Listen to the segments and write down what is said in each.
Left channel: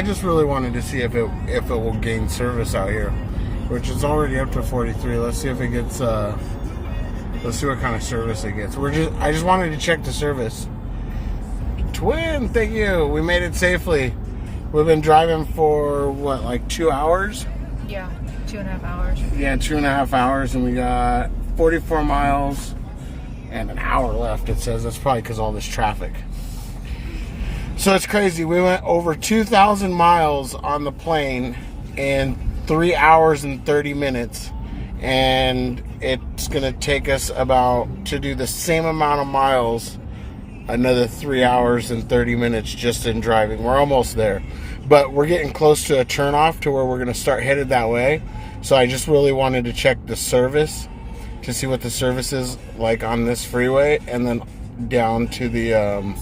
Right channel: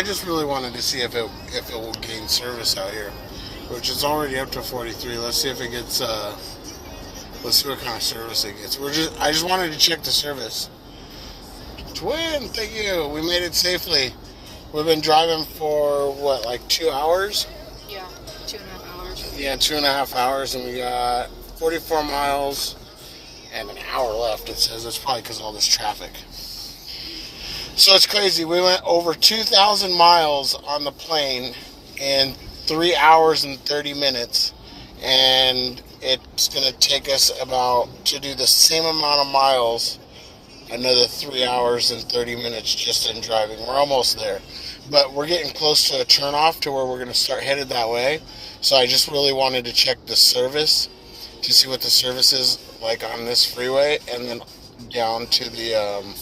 I just really wanted to see if it will gain service out here, which is already up to 43. Let's see if it gets. Let's see what kind of service it gets. I just wanted to check the service. Twin, thank you. We made it safely. We've been driving for what, like 2 hours? Yeah, 2.5 hours. Yeah, 2.5 hours, and we got 44 miles and an hour left. It says that's probably because of all this traffic. So it's crazy. We went over 2,000 miles on the plane in 3 hours and 30 minutes. And it's going to take us to do the same amount of miles, another 3 hours and 30 minutes just in driving. We're almost there. But we're getting close to a turnoff to where we're going to start headed that way. So I just really wanted to check the service to see what the service is like on this freeway. And then down to the...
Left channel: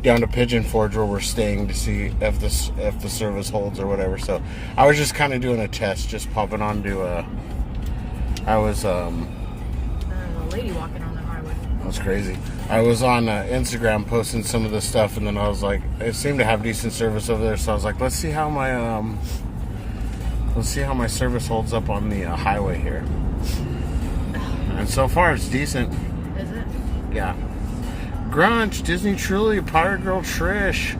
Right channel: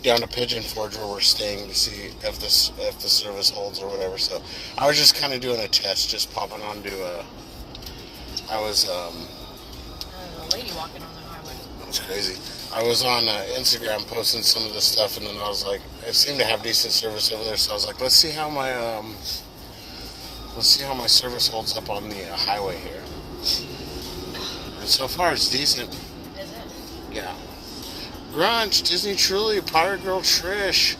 down to Pigeon Forge where we're staying to see if the service holds or whatever. So I was just kind of doing a test, just popping onto I was a lady walking on the highway. That's crazy. I was on Instagram posting some of the stuff, and then I was like, it seemed to have decent service over there, so I was like, let's see how my service holds up on the highway here. And so far it's decent. Is it? Yeah. Grunch, Disney Truly, Pirate Girl Trish.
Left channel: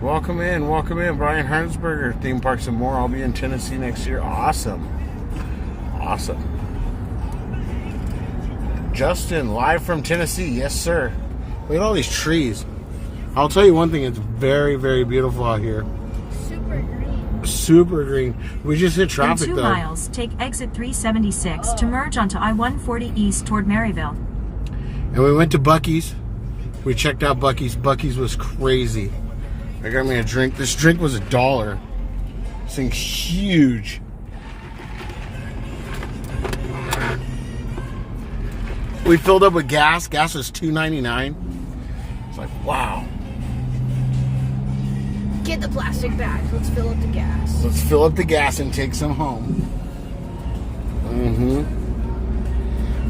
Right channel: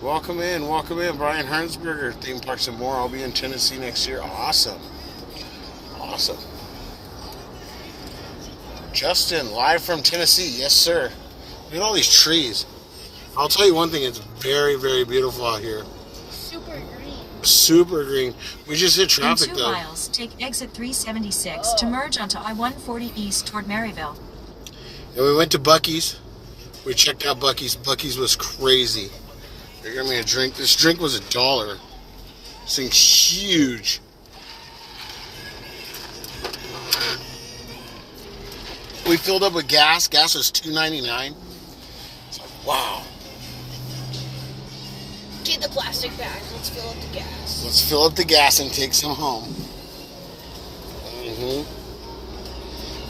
Welcome in. Brian Hernsberger, Theme Parks and More. I'll be in Tennessee next year. Awesome. Justin, live from Tennessee. Yes, sir. Look at all these trees. I'll tell you one thing. It's very, very beautiful out here. Super green. We just hit traffic, In 2 though. miles, take exit 376 to merge onto I-140 East toward Maryville. And we went to Buc-ee's. We checked out Buc-ee's. Buc-ee's was crazy. They got me a drink. This drink was $1. This thing's huge. We filled up with gas. Gas was $2.99. It's like, wow. Get the plastic bags. Let's fill up the gas. Let's fill up the gas and take some home.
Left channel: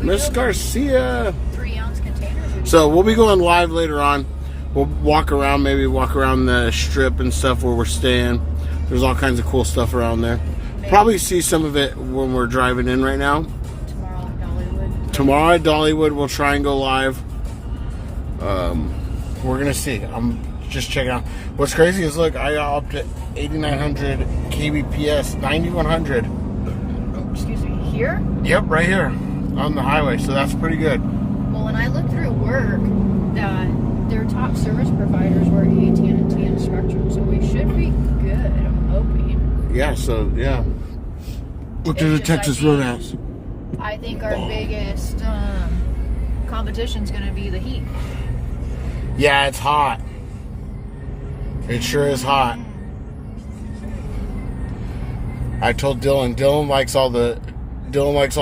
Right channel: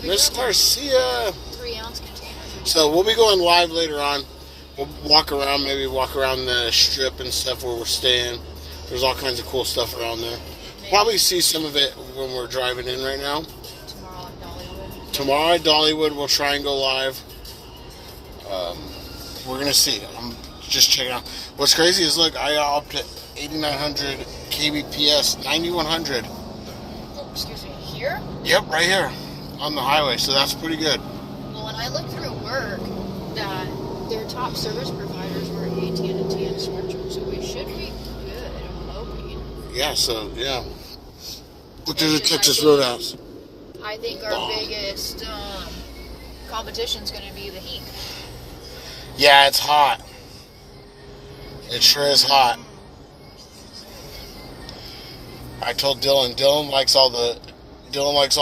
Miss Garcia. 3-ounce containers. So we'll be going live later on. We'll walk around the strip and stuff where we're staying. There's all kinds of cool stuff around there. Probably see some of it when we're driving in right now. Tomorrow at Dollywood, we'll try and go live. We're going to see. I'm just checking out. What's crazy is, look, I got up to 8,900 kbps, 9,100. Oh, excuse me. Here? Yep, right here on the highway. So that's pretty good. Well, when I looked through work, their top service providers were AT&T and Spectrum, so we should be good. I'm hoping. Yeah, so, yeah. Look, there's a Texas Roadhouse. I think our biggest competition is going to be the heat. Yeah, it's hot. It sure is hot. I told Dylan. Dylan likes all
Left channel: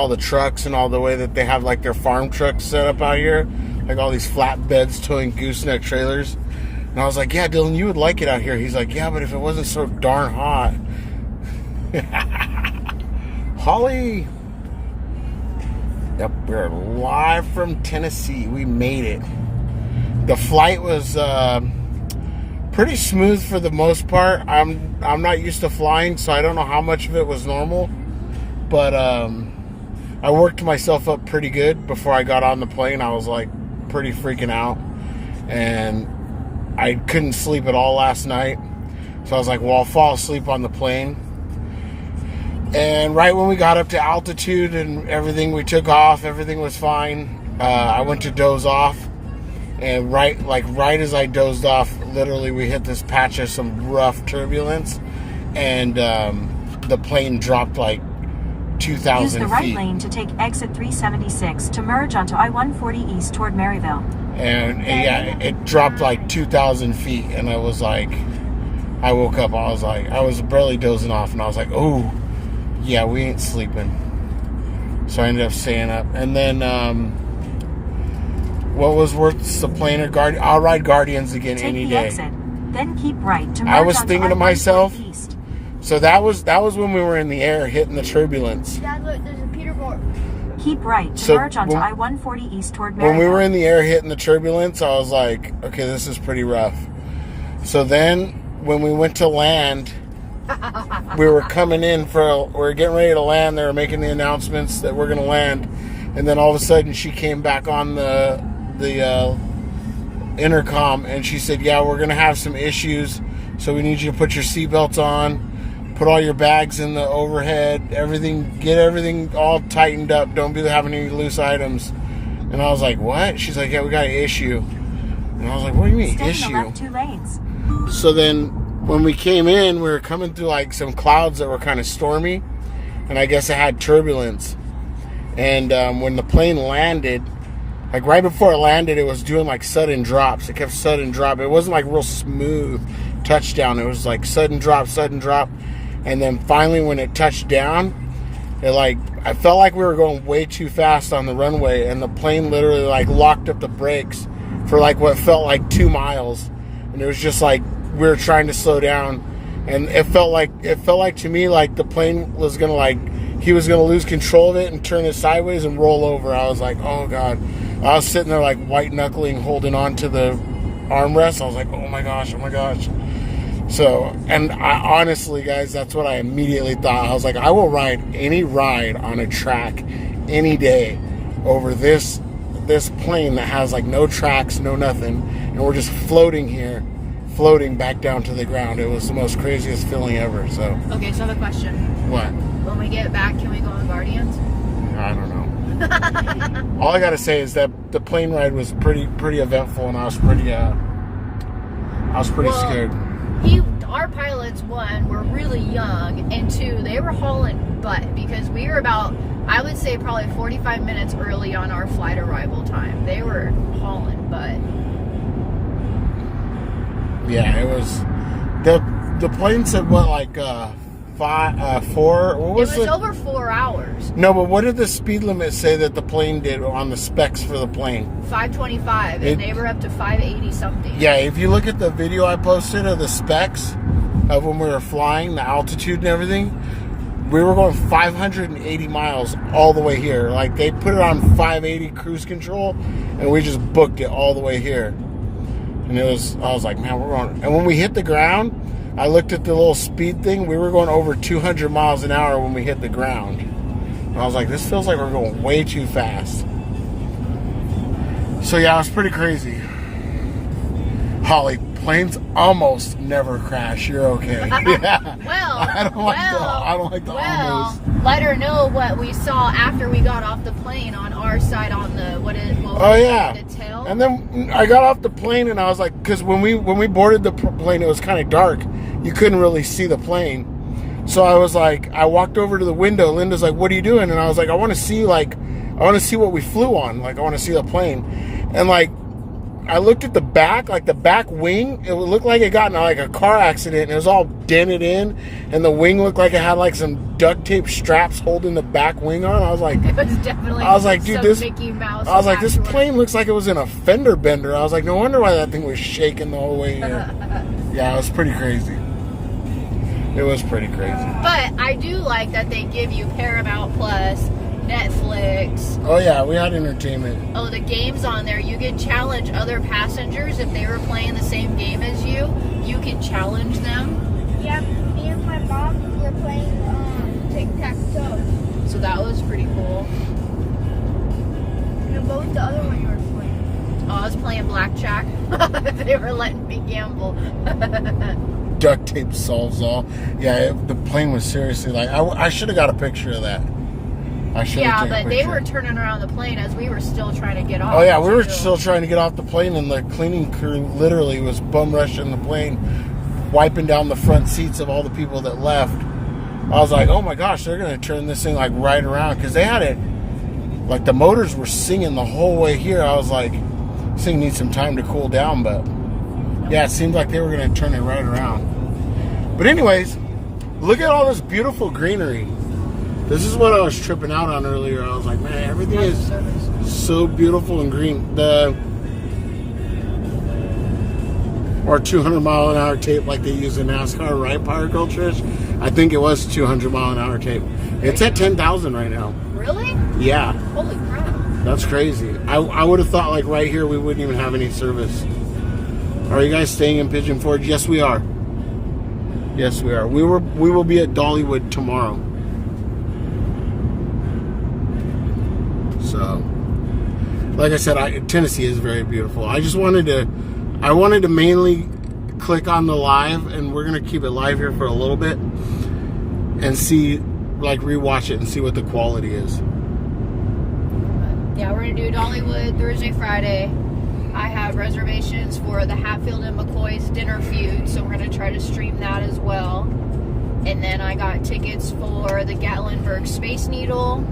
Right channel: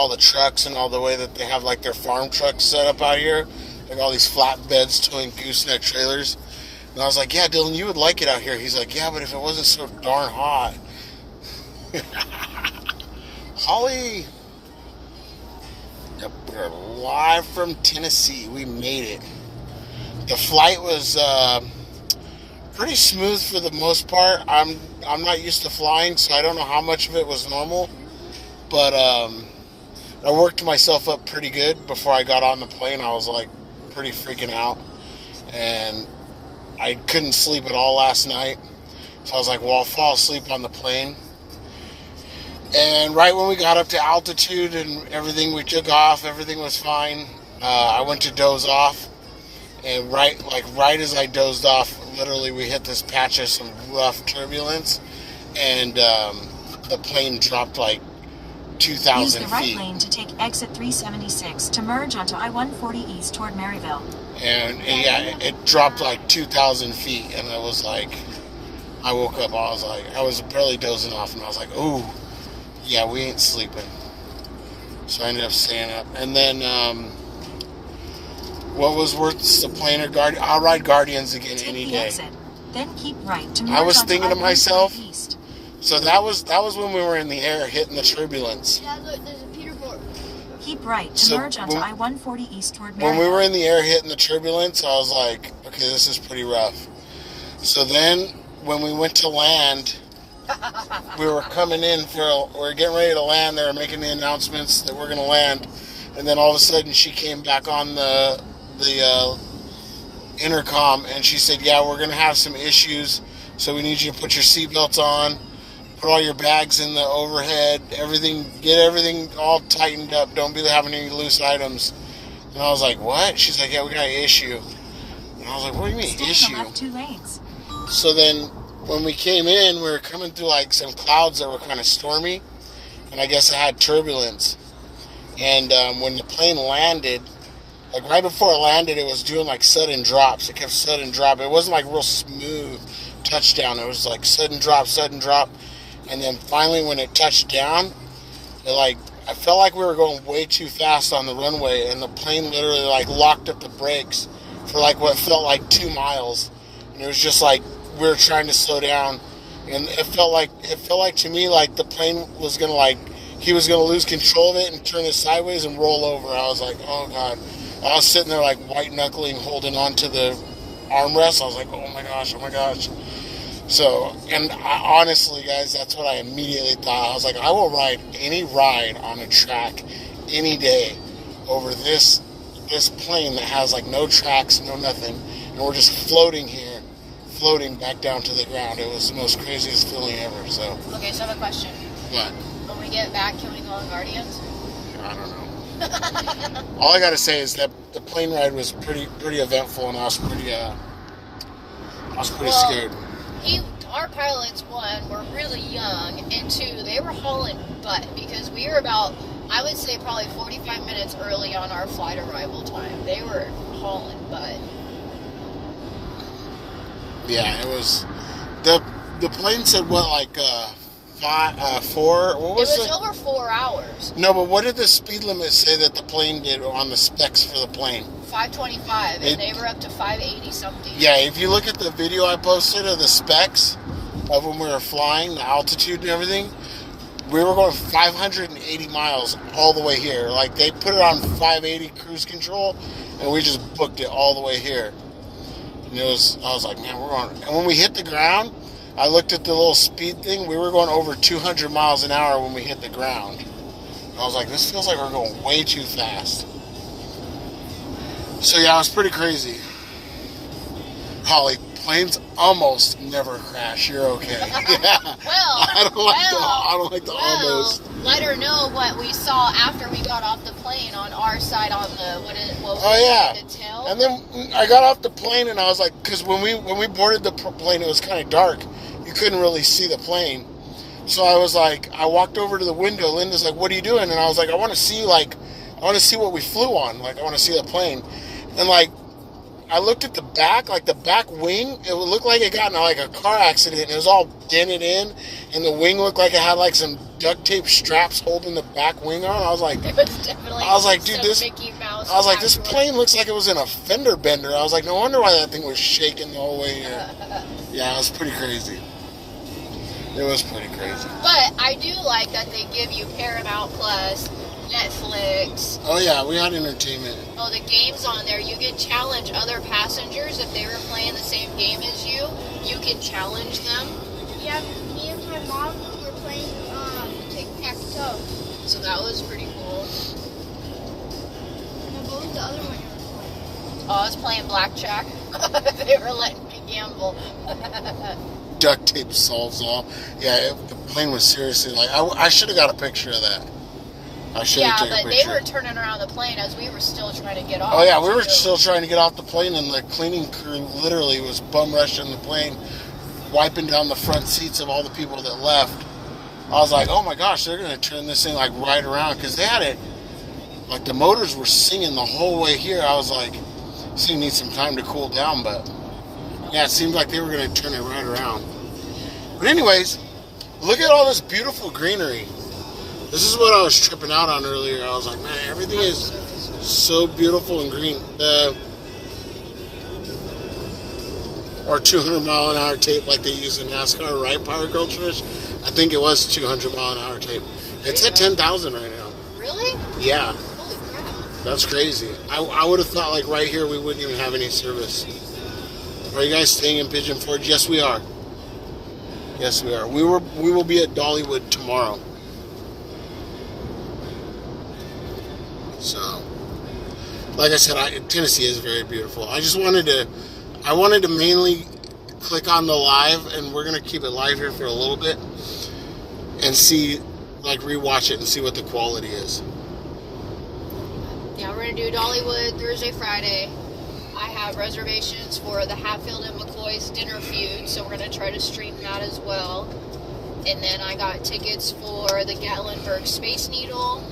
the trucks and all the way that they have like their farm trucks set up out here, like all these flatbeds towing gooseneck trailers. And I was like, yeah, Dylan, you would like it out here. He's like, yeah, but if it wasn't so darn hot. Holly. Yep, we're live from Tennessee. We made it. The flight was pretty smooth for the most part. I'm not used to flying, so I don't know how much of it was normal. But I worked myself up pretty good before I got on the plane. I was like pretty freaking out, and I couldn't sleep at all last night. So I was like, well, I'll fall asleep on the plane. And right when we got up to altitude and everything, we took off. Everything was fine. I went to doze off, and right as I dozed off, literally we hit this patch of some rough turbulence, and the plane dropped like 2,000 Use the right feet. lane to take exit 376 to merge onto I-140 East toward Maryville. And yeah, it dropped like 2,000 feet, and I was like, I woke up, I was barely dozing off, and I was like, oh. Yeah, we ain't sleeping. So I ended up staying up. And then, what was worth the plane or I'll ride Guardians again Take any the day. exit, then keep right to merge I was onto thinking to I-140 myself, East. so that was when we were in the air hitting the turbulence. Dad, look, there's a Peterboard. Keep right to So merge onto when- I-140 East toward Maryville. When we were in the air hitting the turbulence, I was like, okay, this is pretty rough. So then when we went to land, we were coming in we were getting ready to land. They were making the announcements that we're going to land. And then all of a sudden she came back on the intercom and she said, yeah, we're going to have some issues. So we need you to put your seatbelts on, put all your bags in the overhead, get everything all tightened up. Don't be having any loose items. And I was like, what? She's like, yeah, we got an issue. And I was like, what do you mean, Stay in the issue? left 2 lanes. So then when we came in, we were coming through like some clouds that were kind of stormy. And I guess it had turbulence. And when the plane landed, like right before it landed, it was doing like sudden drops. It kept sudden drop. It wasn't like real smooth touchdown. It was like sudden drop. And then finally when it touched down, I felt like we were going way too fast on the runway, and the plane literally like locked up the brakes for like what felt like 2 miles. And it was just like we were trying to slow down, and it felt like to me like the plane was gonna he was gonna lose control of it and turn it sideways and roll over. I was like, oh god. I was sitting there like white knuckling, holding on to the armrest. I was like, oh my gosh. So, and I honestly, guys, that's what I immediately thought. I was like, I will ride any ride on a track any day over this plane that has like no tracks, no nothing, and we're just floating back down to the ground. It was the most craziest feeling ever. So. Okay, so I have a question. What? When we get back, can we go on Guardians? I don't know. All I gotta say is that the plane ride was pretty eventful, and I was pretty scared. Our pilots, one, were really young, and two, they were hauling butt because we were about, I would say, probably 45 minutes early on our flight arrival time. They were hauling butt. Yeah, it was. The plane said what, like 4? What was it? It was over 4 hours. No, but what did the speed limit say that the plane did on the specs for the plane? 525, and they were up to 580 something. Yeah, if you look at the video I posted of the specs of when we were flying, the altitude and everything, we were going 580 miles all the way here. Like, they put it on 580 cruise control, and we just booked it all the way here. And I was like, man, we're going. And when we hit the ground, I looked at the little speed thing. We were going over 200 miles an hour when we hit the ground. And I was like, this feels like we're going way too fast. So yeah, it was pretty crazy. Holly, planes almost never crash. You're okay. Yeah. I don't like the almost. Let her know what we saw after we got off the plane on our side on the the tail. And then I got off the plane and I was like, because when we boarded the plane, it was kind of dark. You couldn't really see the plane. So I was like, I walked over to the window. Linda's like, what are you doing? And I was like, I want to see what we flew on. Like, I want to see the plane. And like, I looked at the back, like the back wing, it looked like it got in like a car accident, and it was all dented in, and the wing looked like it had like some duct tape straps holding the back wing on. I was like, it was definitely dude, Mickey Mouse. I was like, this plane looks like it was in a fender bender. I was like, no wonder why that thing was shaking the whole way here. Yeah, it was pretty crazy. It was pretty crazy. But I do like that they give you Paramount Plus, Netflix. Oh yeah, we had entertainment. Oh, the games on there. You can challenge other passengers if they were playing the same game as you. You can challenge them. Yeah, me and my mom were playing tic-tac-toe. So that was pretty cool. And what was the other one you were playing? Oh, I was playing blackjack. They were letting me gamble. Duct tape solves all. Yeah, the plane was seriously like, I should have got a picture of that. I should have taken a picture. Yeah, but they were turning around the plane as we were still trying to get off. Oh yeah, we were still trying to get off the plane, and the cleaning crew literally was bum rushing the plane, wiping down the front seats of all the people that left. I was like, oh my gosh, they're going to turn this thing like right around, because they had it, like the motors were singing the whole way here. I was like, this thing needs some time to cool down, but yeah, it seemed like they were going to turn it right around. But anyways, look at all this beautiful greenery. This is what I was tripping out on earlier. I was like, man, everything is so beautiful and green. Or 200 mile an hour tape like they use in NASCAR, right, Power Girl Trish? I think it was 200 mile an hour tape. It's at 10,000 right now. Really? Yeah. Holy crap. That's crazy. I would have thought like right here we wouldn't even have any service. Are you guys staying in Pigeon Forge? Yes, we are. Yes, we are. We will be at Dollywood tomorrow. So, like I said, Tennessee is very beautiful. I wanted to mainly click on the live, and we're gonna keep it live here for a little bit and see, like, rewatch it and see what the quality is. Yeah, we're gonna do Dollywood Thursday, Friday. I have reservations for the Hatfield and McCoy's Dinner Feud, so we're gonna try to stream that as well. And then I got tickets for the Gatlinburg Space Needle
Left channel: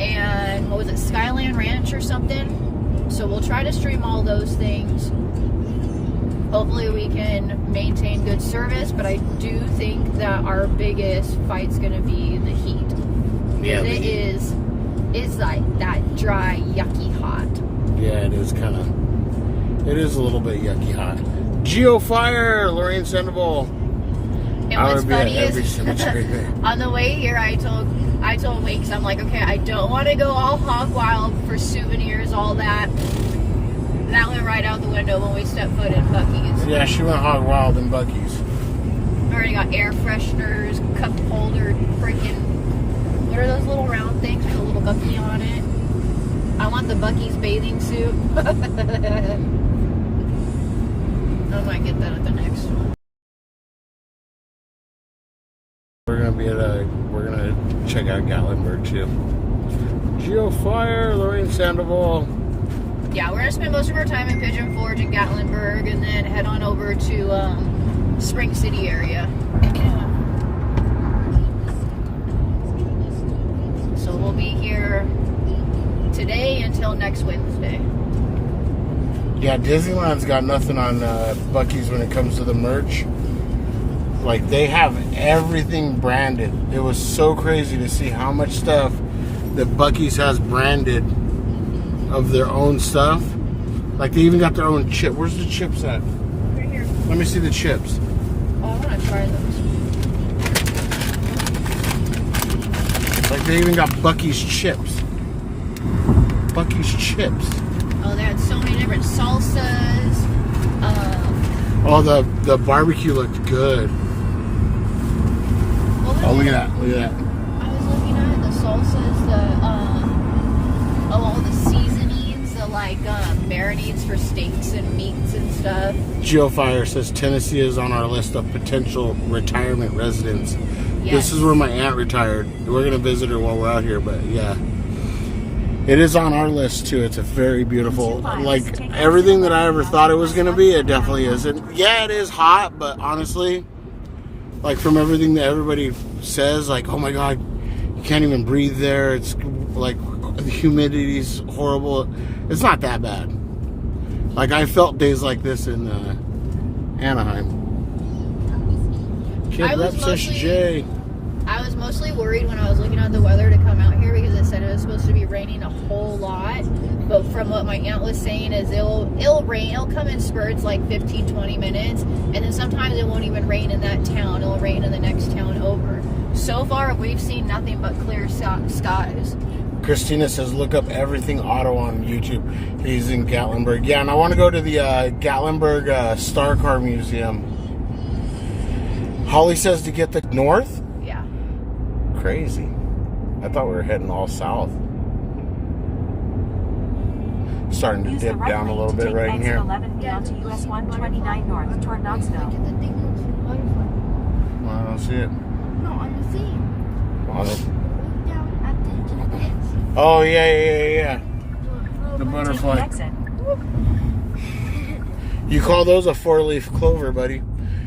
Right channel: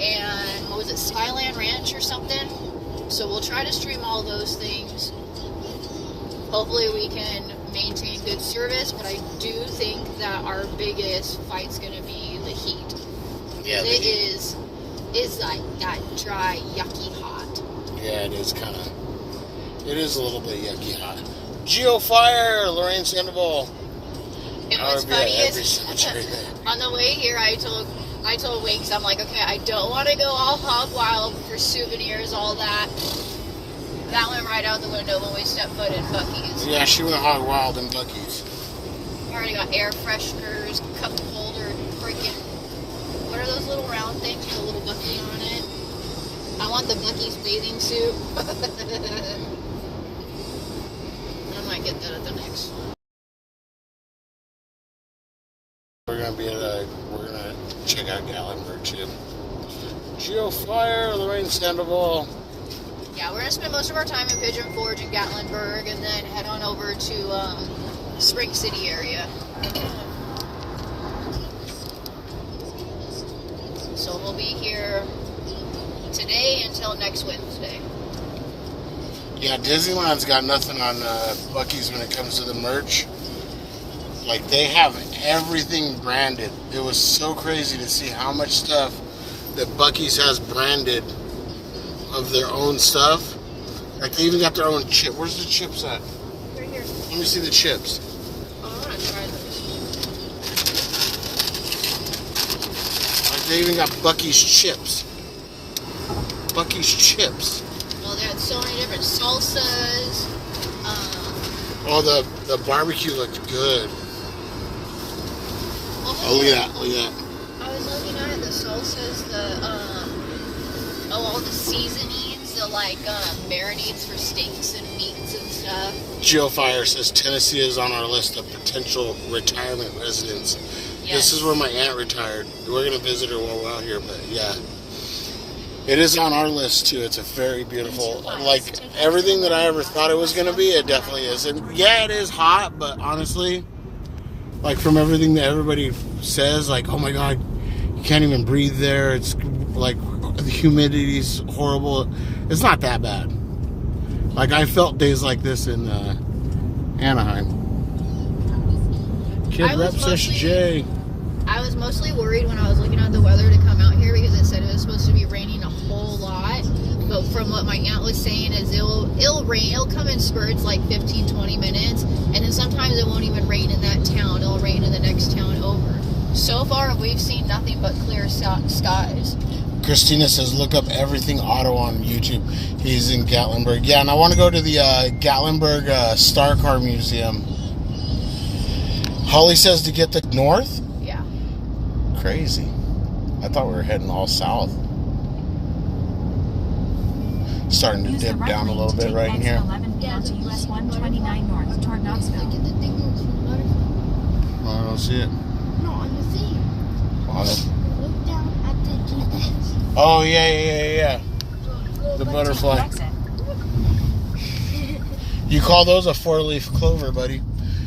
and what was it, Skyland Ranch or something. So we'll try to stream all those things. Hopefully we can maintain good service, but I do think that our biggest fight's gonna be the heat. Yeah, it is like that dry, yucky hot. Yeah, it is kind of. It is a little bit yucky hot. Geofire, Lorraine Sandoval. And I what's would be at funny every is, cemetery there. on the way here, I told Winks, I'm like, okay, I don't want to go all hog wild for souvenirs, all that. That went right out the window when we stepped foot in Buc-ee's. Yeah, she went hog wild in Buc-ee's. I already got air fresheners, cup holder, freaking. What are those little round things with a little Buc-ee on it? I want the Buc-ee's bathing suit. I might get that at the next. We're gonna check out Gatlinburg too. Geofire, Lorraine Sandoval. Yeah, we're gonna spend most of our time in Pigeon Forge and Gatlinburg, and then head on over to Spring City area. So we'll be here today until next Wednesday. Yeah, Disneyland's got nothing on Buc-ee's when it comes to the merch. Like, they have everything branded. It was so crazy to see how much stuff that Buc-ee's has branded of their own stuff. Like, they even got their own chip. Where's the chips at? Right here. Let me see the chips. Oh, I want to try those. Like, they even got Buc-ee's chips. Buc-ee's chips. Oh, they had so many different salsas. Oh, the barbecue looked good. Oh, look at that. Look at that. I was looking at the salsas, all the seasonings, the marinades for steaks and meats and stuff. Geofire says Tennessee is on our list of potential retirement residents. Yes. This is where my aunt retired. We're going to visit her while we're out here, but yeah. It is on our list too. It's a very beautiful, like everything that I ever thought it was going to be, it definitely is. And yeah, it is hot, but honestly, like from everything that everybody says, like, oh my God, you can't even breathe there. It's like the humidity's horrible. It's not that bad. Like I felt days like this in Anaheim. Kid Rep says Jay. I was mostly worried when I was looking at the weather to come out here because it said it was supposed to be raining a whole lot. But from what my aunt was saying is it'll rain. It'll come in spurts like 15, 20 minutes. And then sometimes it won't even rain in that town. It'll rain in the next town over. So far, we've seen nothing but clear skies. Christina says, look up Everything Auto on YouTube. He's in Gatlinburg. Yeah, and I want to go to the Gatlinburg Star Car Museum. Holly says to get the north? Yeah. Crazy. I thought we were heading all south. Starting to Use the dip right down a lane little to bit take right in exit here. 11 down to US 129 north toward Knoxville. Look at the thing that's in the butterfly. Well, I don't see it. No, on the thing. On it. Look down at the GPS. Oh, yeah. The butterfly. Exit. You call those a four-leaf clover, buddy.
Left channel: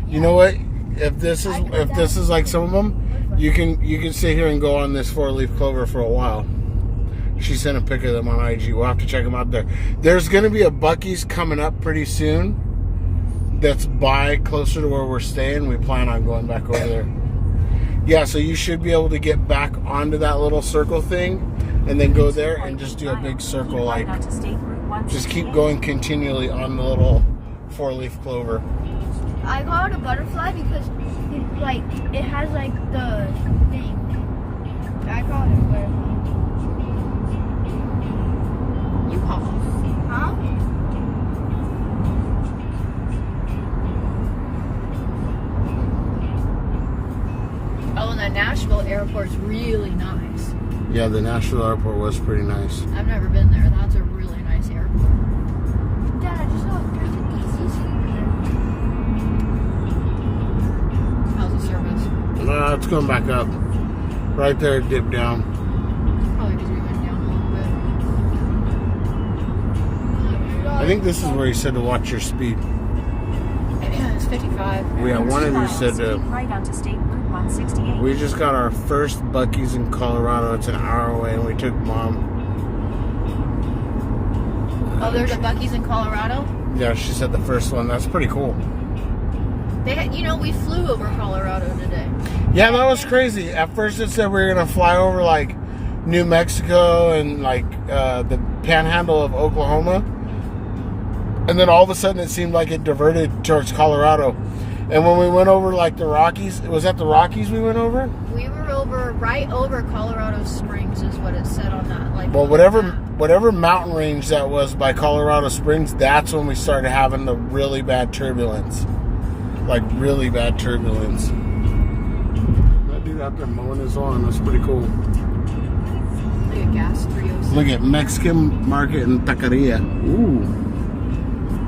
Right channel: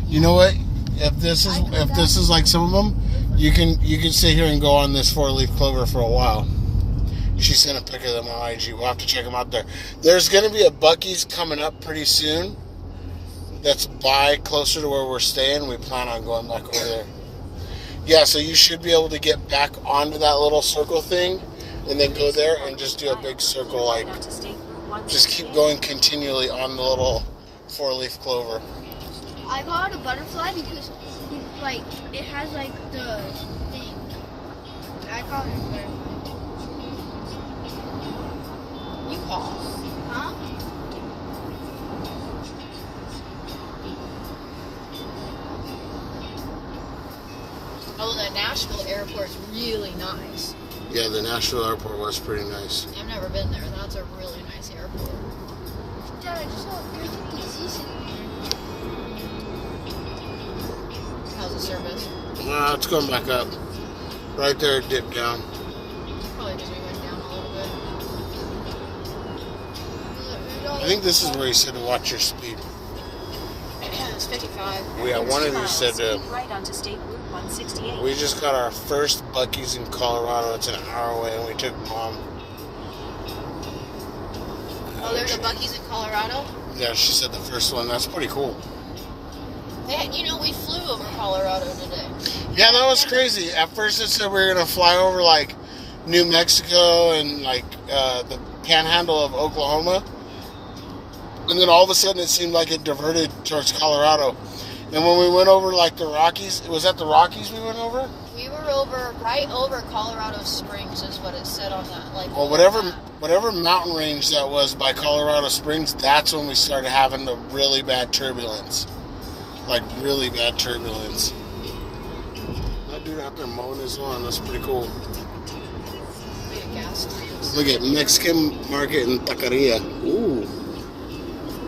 You know what? If this is like some of them, you can sit here and go on this four-leaf clover for a while. She sent a pic of them on IG. We'll have to check them out there. There's going to be a Buc-ee's coming up pretty soon. That's closer to where we're staying. We plan on going back over there. Yeah, so you should be able to get back onto that little circle thing, and then go there and just do a big circle, like just keep going continually on the little four-leaf clover. I call it a butterfly because, like, it has, like, the thing. I call it a butterfly. You call. Huh? Airport's really nice. Yeah, the Nashville airport was pretty nice. I've never been there. That's a really nice airport. Dad, I just saw a great easy sitting How's the service? It's going back up. Right there, it dipped down. Probably because we went down a little bit. I think this is where he said to watch your speed. It's 55. Yeah, In one 2 of these miles, said to. keep right onto State Route 168. We just got our first Buc-ee's in Colorado. It's an hour away, and we took Mom. Oh, there's a Buc-ee's in Colorado? Yeah, she said the first one. That's pretty cool. They had, we flew over Colorado today. Yeah, that was crazy. At first, it said we were gonna fly over like New Mexico and like the Panhandle of Oklahoma, and then all of a sudden it seemed like it diverted towards Colorado. And when we went over like the Rockies, was that the Rockies we went over? We were right over Colorado Springs, is what it said on that. Like, Well, whatever mountain range that was by Colorado Springs, that's when we started having the really bad turbulence. Like really bad turbulence. That dude out there mowing his lawn, that's pretty cool. Be a gas 306. Look at Mexican market in Taqueria. Ooh.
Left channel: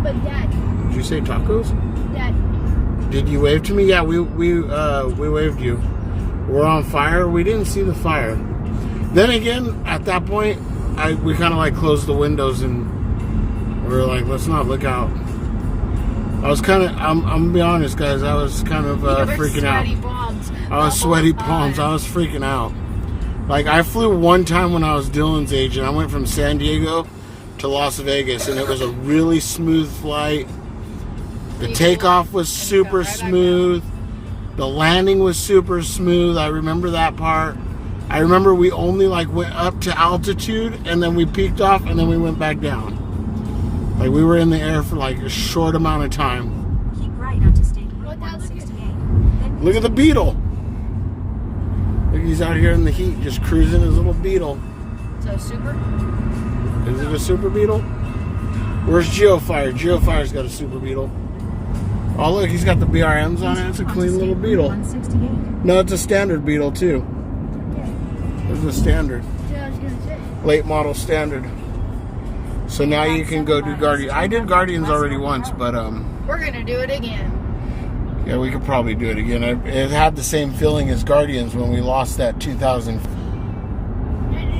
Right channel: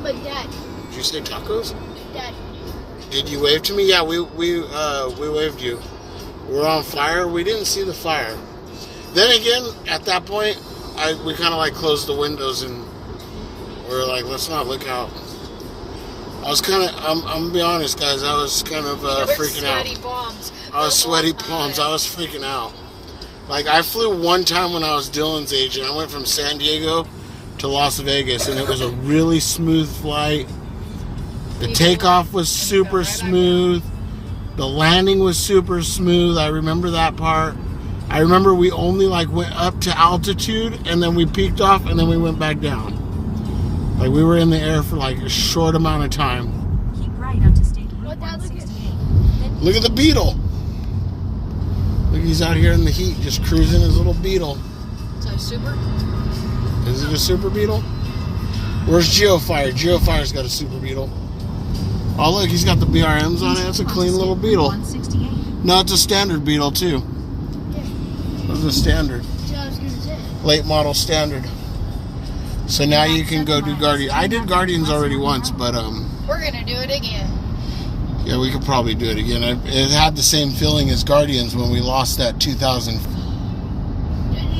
But Dad, Did you say tacos? Dad, Did you wave to me? Yeah, we waved you. We're on fire. We didn't see the fire. Then again, at that point, we kind of like closed the windows and we were like, let's not look out. I was kind of, I'm gonna be honest, guys. I was kind of freaking out. Sweaty palms. I was sweaty palms. I was freaking out. Like I flew one time when I was Dylan's age, and I went from San Diego to Las Vegas, and it was a really smooth flight. The takeoff was super smooth. The landing was super smooth. I remember that part. I remember we only like went up to altitude, and then we peaked off, and then we went back down. Like we were in the air for like a short amount of time. Keep right onto State Route What, Dad, look at- 168. Then Look at the Beetle. Look, he's out here in the heat, just cruising his little Beetle. So super. Is it a Super Beetle? Where's Geofire? Geofire's got a Super Beetle. Oh, look, he's got the BRMs on it. It's a onto clean State little Route Beetle. 168. No, it's a standard Beetle, too. It's a standard. that's what I was gonna say. Late model standard. So now you can go do Guardian. I did Guardians already once, but We're gonna do it again. yeah, we could probably do it again. It had the same feeling as Guardians when we lost that 2000. You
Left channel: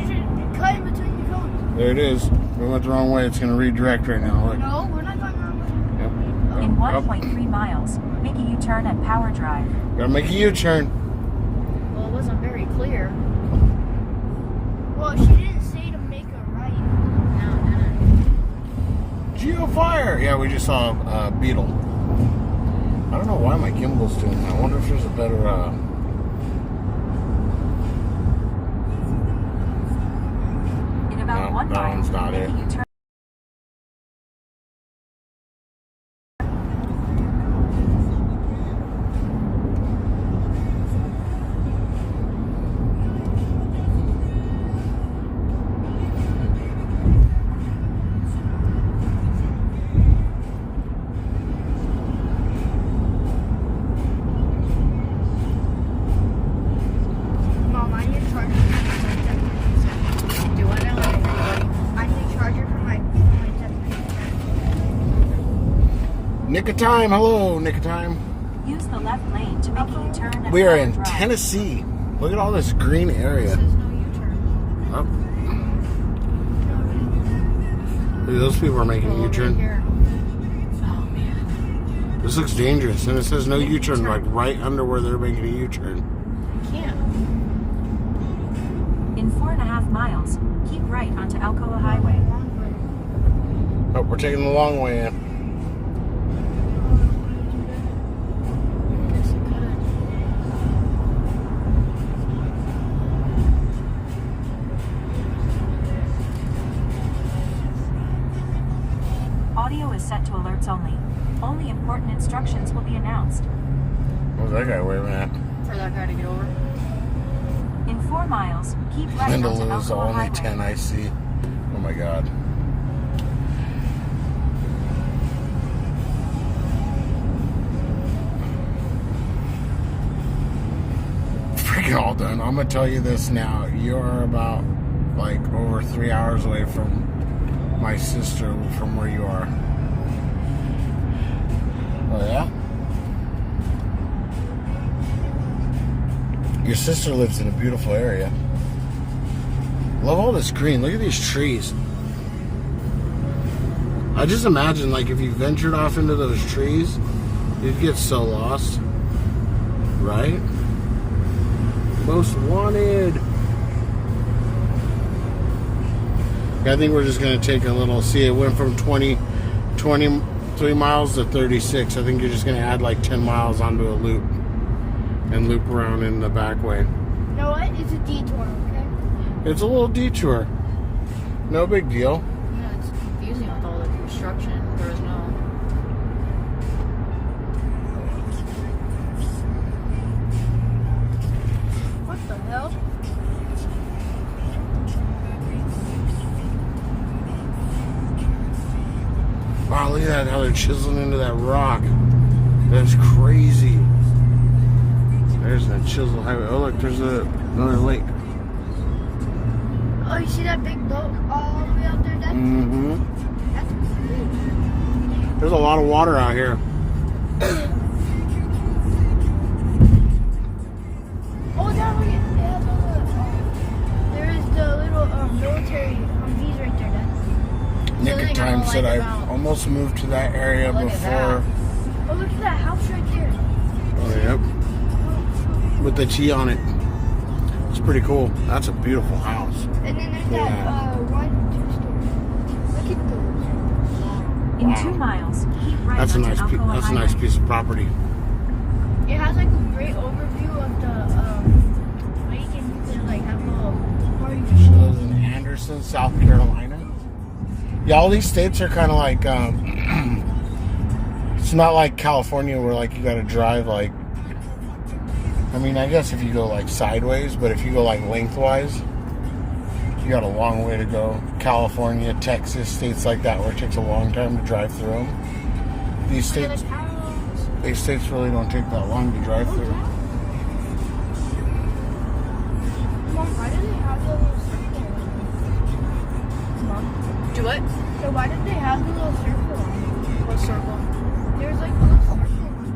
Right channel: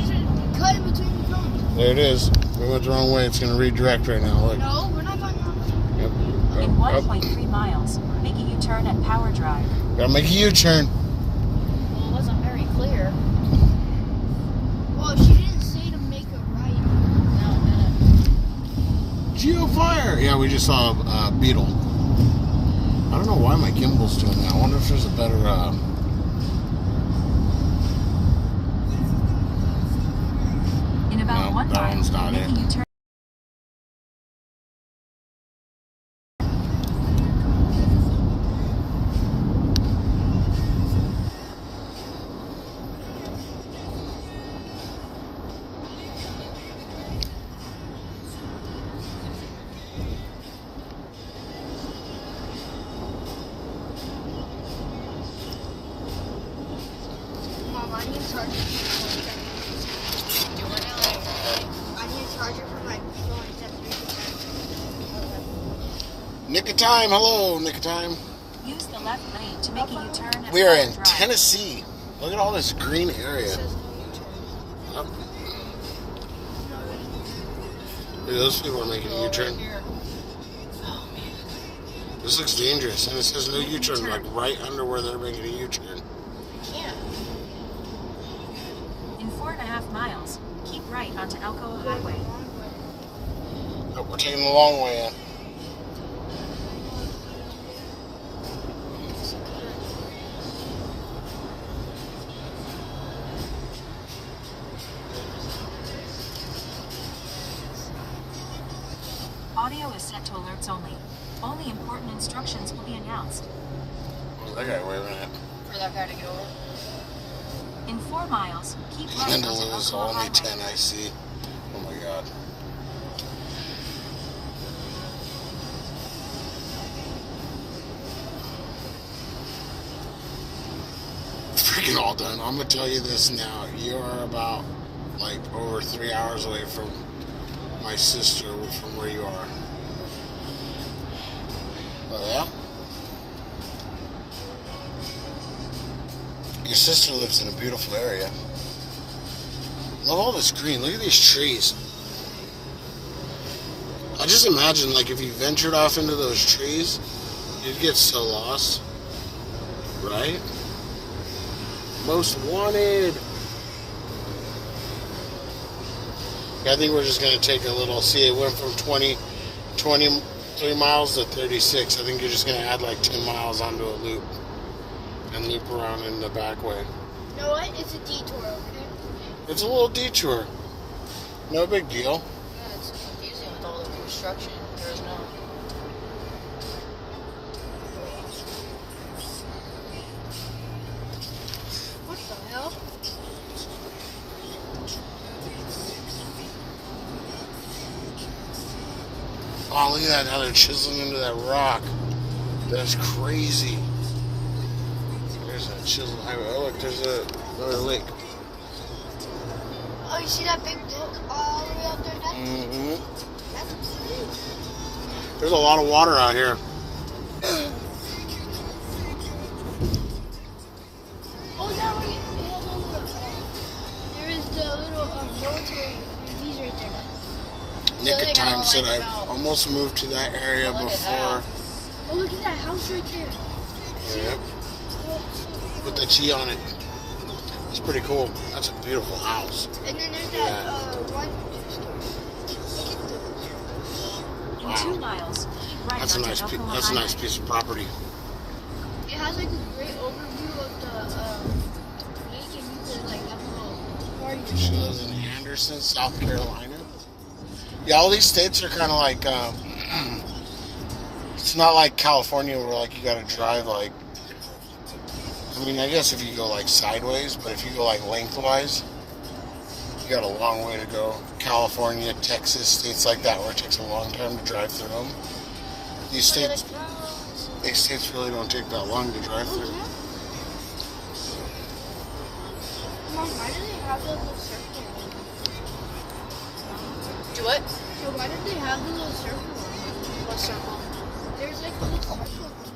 should cut in between your phones. There it is. We went the wrong way. It's going to redirect right now. Look. No, we're not going the wrong way. Yep. In Up. 1.3 miles, make a U-turn at Power Drive. Gotta make a U-turn. Well, it wasn't very clear. Well, she didn't say to make a right. No, it didn't. Geofire. Yeah, we just saw a Beetle. I don't know why my gimbal's doing that. I wonder if there's a better. In about No, 1 that mile, one's not make it. a U-turn. Mom, I need a charger for my phone. Do it LA. I need a charger for my phone. It's at 3%. Nick of time. Hello, Nick of time. Use the left lane to make a U-turn at We are Power in Drive. Tennessee. Look at all this green area. It says no U-turn. Up. Look, those people are making a Over U-turn. here. Oh man. This looks dangerous, and it says no U-turn, like right under where they're making a U-turn. Can't. In 4.5 miles, keep right onto Alcoa Highway. Oh, we're taking the long way in. Audio is set to alerts only. Only important instructions will be announced. What was that guy waving at? For that guy to get over. In 4 miles, keep right onto Lindaloo is Alcoa only Highway. 10 I see. Oh my god. hiking all done. I'm gonna tell you this now. You are about like over 3 hours away from my sister from where you are. Oh yeah? Your sister lives in a beautiful area. Love all this green. Look at these trees. I just imagine like if you ventured off into those trees, you'd get so lost. Right? Most wanted. I think we're just going to take a little, see, it went from 23 miles to 36. I think you're just going to add like 10 miles onto a loop and loop around in the back way. You know what? It's a detour, okay? It's a little detour. No big deal. Yeah, it's confusing with all the construction. There is no. What the hell? Wow, look at that, how they're chiseling into that rock. That's crazy. There's that chisel highway. Oh, look, there's another lake. Oh, you see that big boat all the way out there? Mm-hmm. That's crazy. There's a lot of water out here. Oh, now we have there is the little military V's right there. Nick Really of time don't said like I it out. almost moved to that area Look at before. Oh, look at that house right there. Yep. With the T on it. It's pretty cool. That's a beautiful house. And then there's Yeah. that one store. Look at those. In Wow. 2 miles, keep right That's a onto nice Alcoa that's a Highway. nice piece of property. It has like a great overview of the lake, and you could like have a little party. She lives in Anderson, South Carolina. Yeah, all these states are kind of like it's not like California where like you got to drive like. I mean, I guess if you go like sideways, but if you go like lengthwise, you got a long way to go. California, Texas, states like that where it takes a long time to drive through them. These states really don't take that long to drive through. Mom, why do they have the little circle on it? Mom, Do what? so why did they have the little circle on it? What circle? There's like a little circle on it.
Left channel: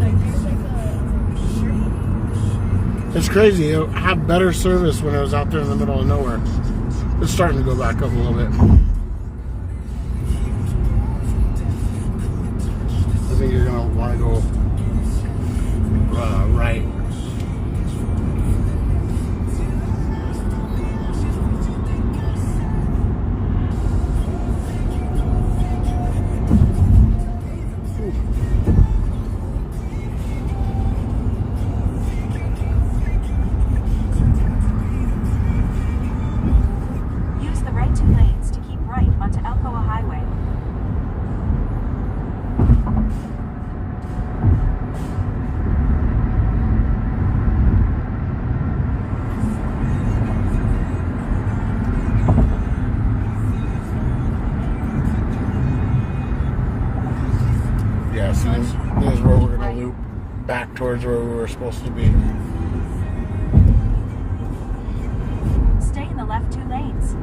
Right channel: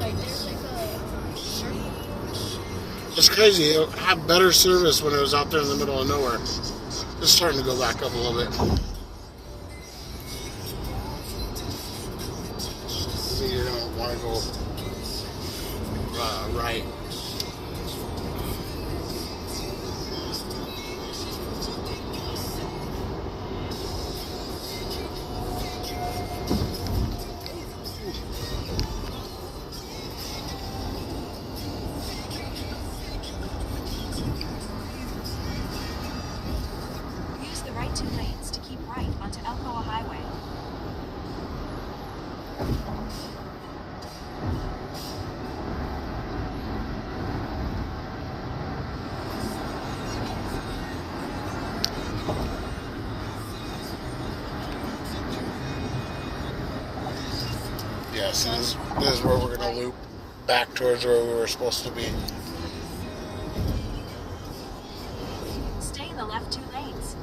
Like there's like a circle. It's crazy. It had better service when it was out there in the middle of nowhere. It's starting to go back up a little bit. I think you're gonna want to go right. Use the right 2 lanes to keep right onto Alcoa Highway. Yeah, so this is where we're gonna loop back towards where we were supposed to be. Stay in the left 2 lanes.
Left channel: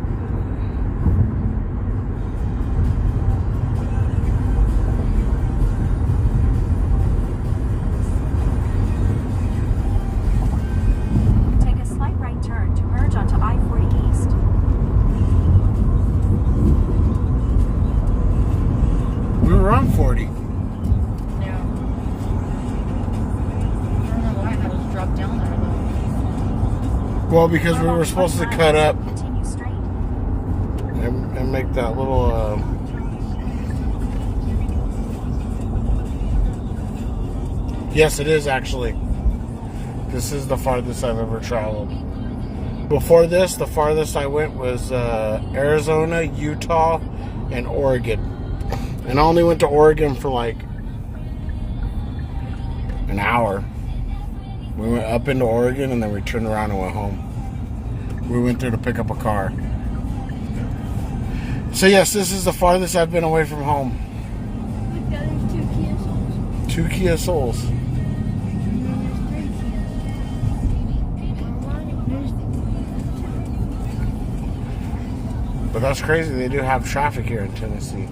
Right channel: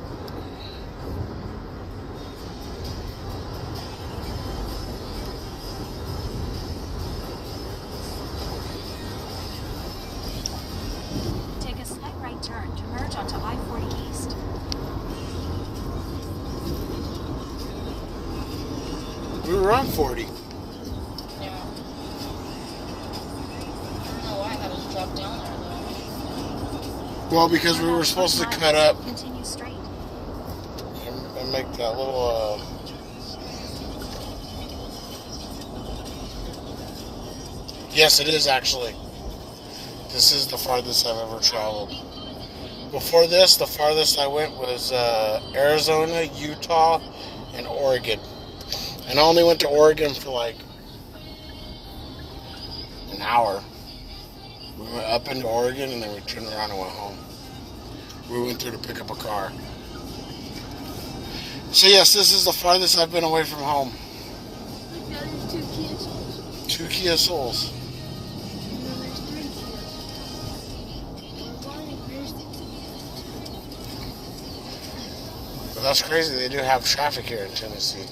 Take a slight right turn to merge onto I-40 East. We were on 40. Yeah. I don't know why I had us drop down there though. Well, because we were supposed to cut up Continue straight. and make that little. Yes, it is actually. This is the farthest I've ever traveled. Before this, the farthest I went was Arizona, Utah, and Oregon. And I only went to Oregon for like an hour. We went up into Oregon and then we turned around and went home. We went there to pick up a car. So yes, this is the farthest I've been away from home. Look, yeah, there's 2 Kia Souls. 2 Kia Souls. But that's crazy. They do have traffic here in Tennessee.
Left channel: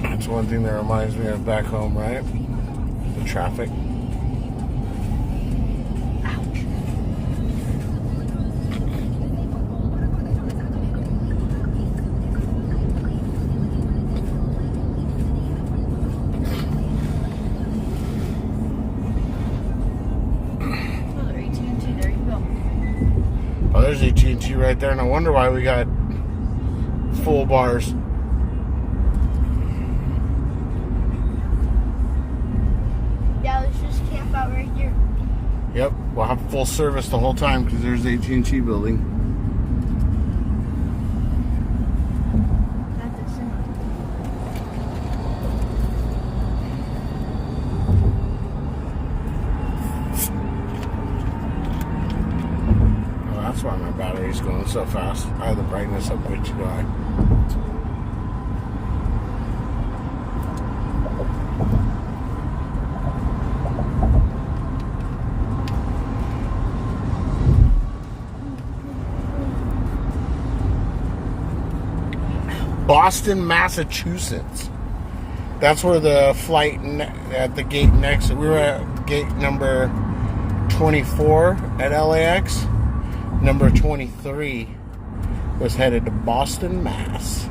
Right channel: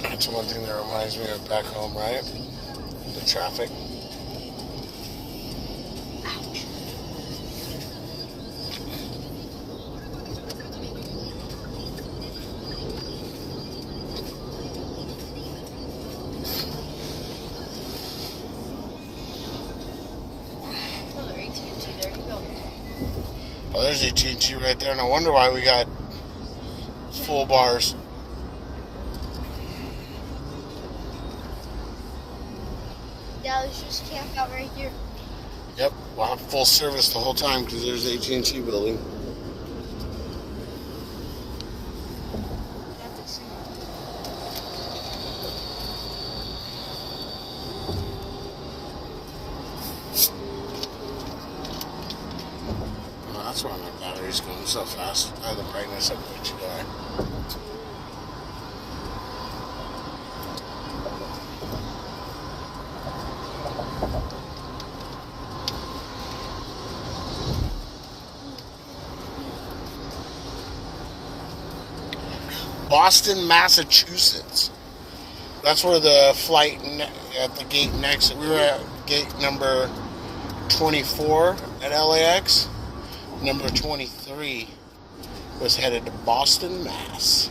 That's one thing that reminds me of back home, right? The traffic. Ouch. Another AT&T. There you go. Oh, there's AT&T right there. No wonder why we got full bars. Yeah, let's just camp out right here. Yep, we'll have full service the whole time because there's the AT&T building. Not this one. Oh, that's why my battery's going so fast. I have the brightness up way too high. Boston, Massachusetts. That's where the flight at the gate next. We were at gate number 24 at LAX. Number 23 was headed to Boston, Mass.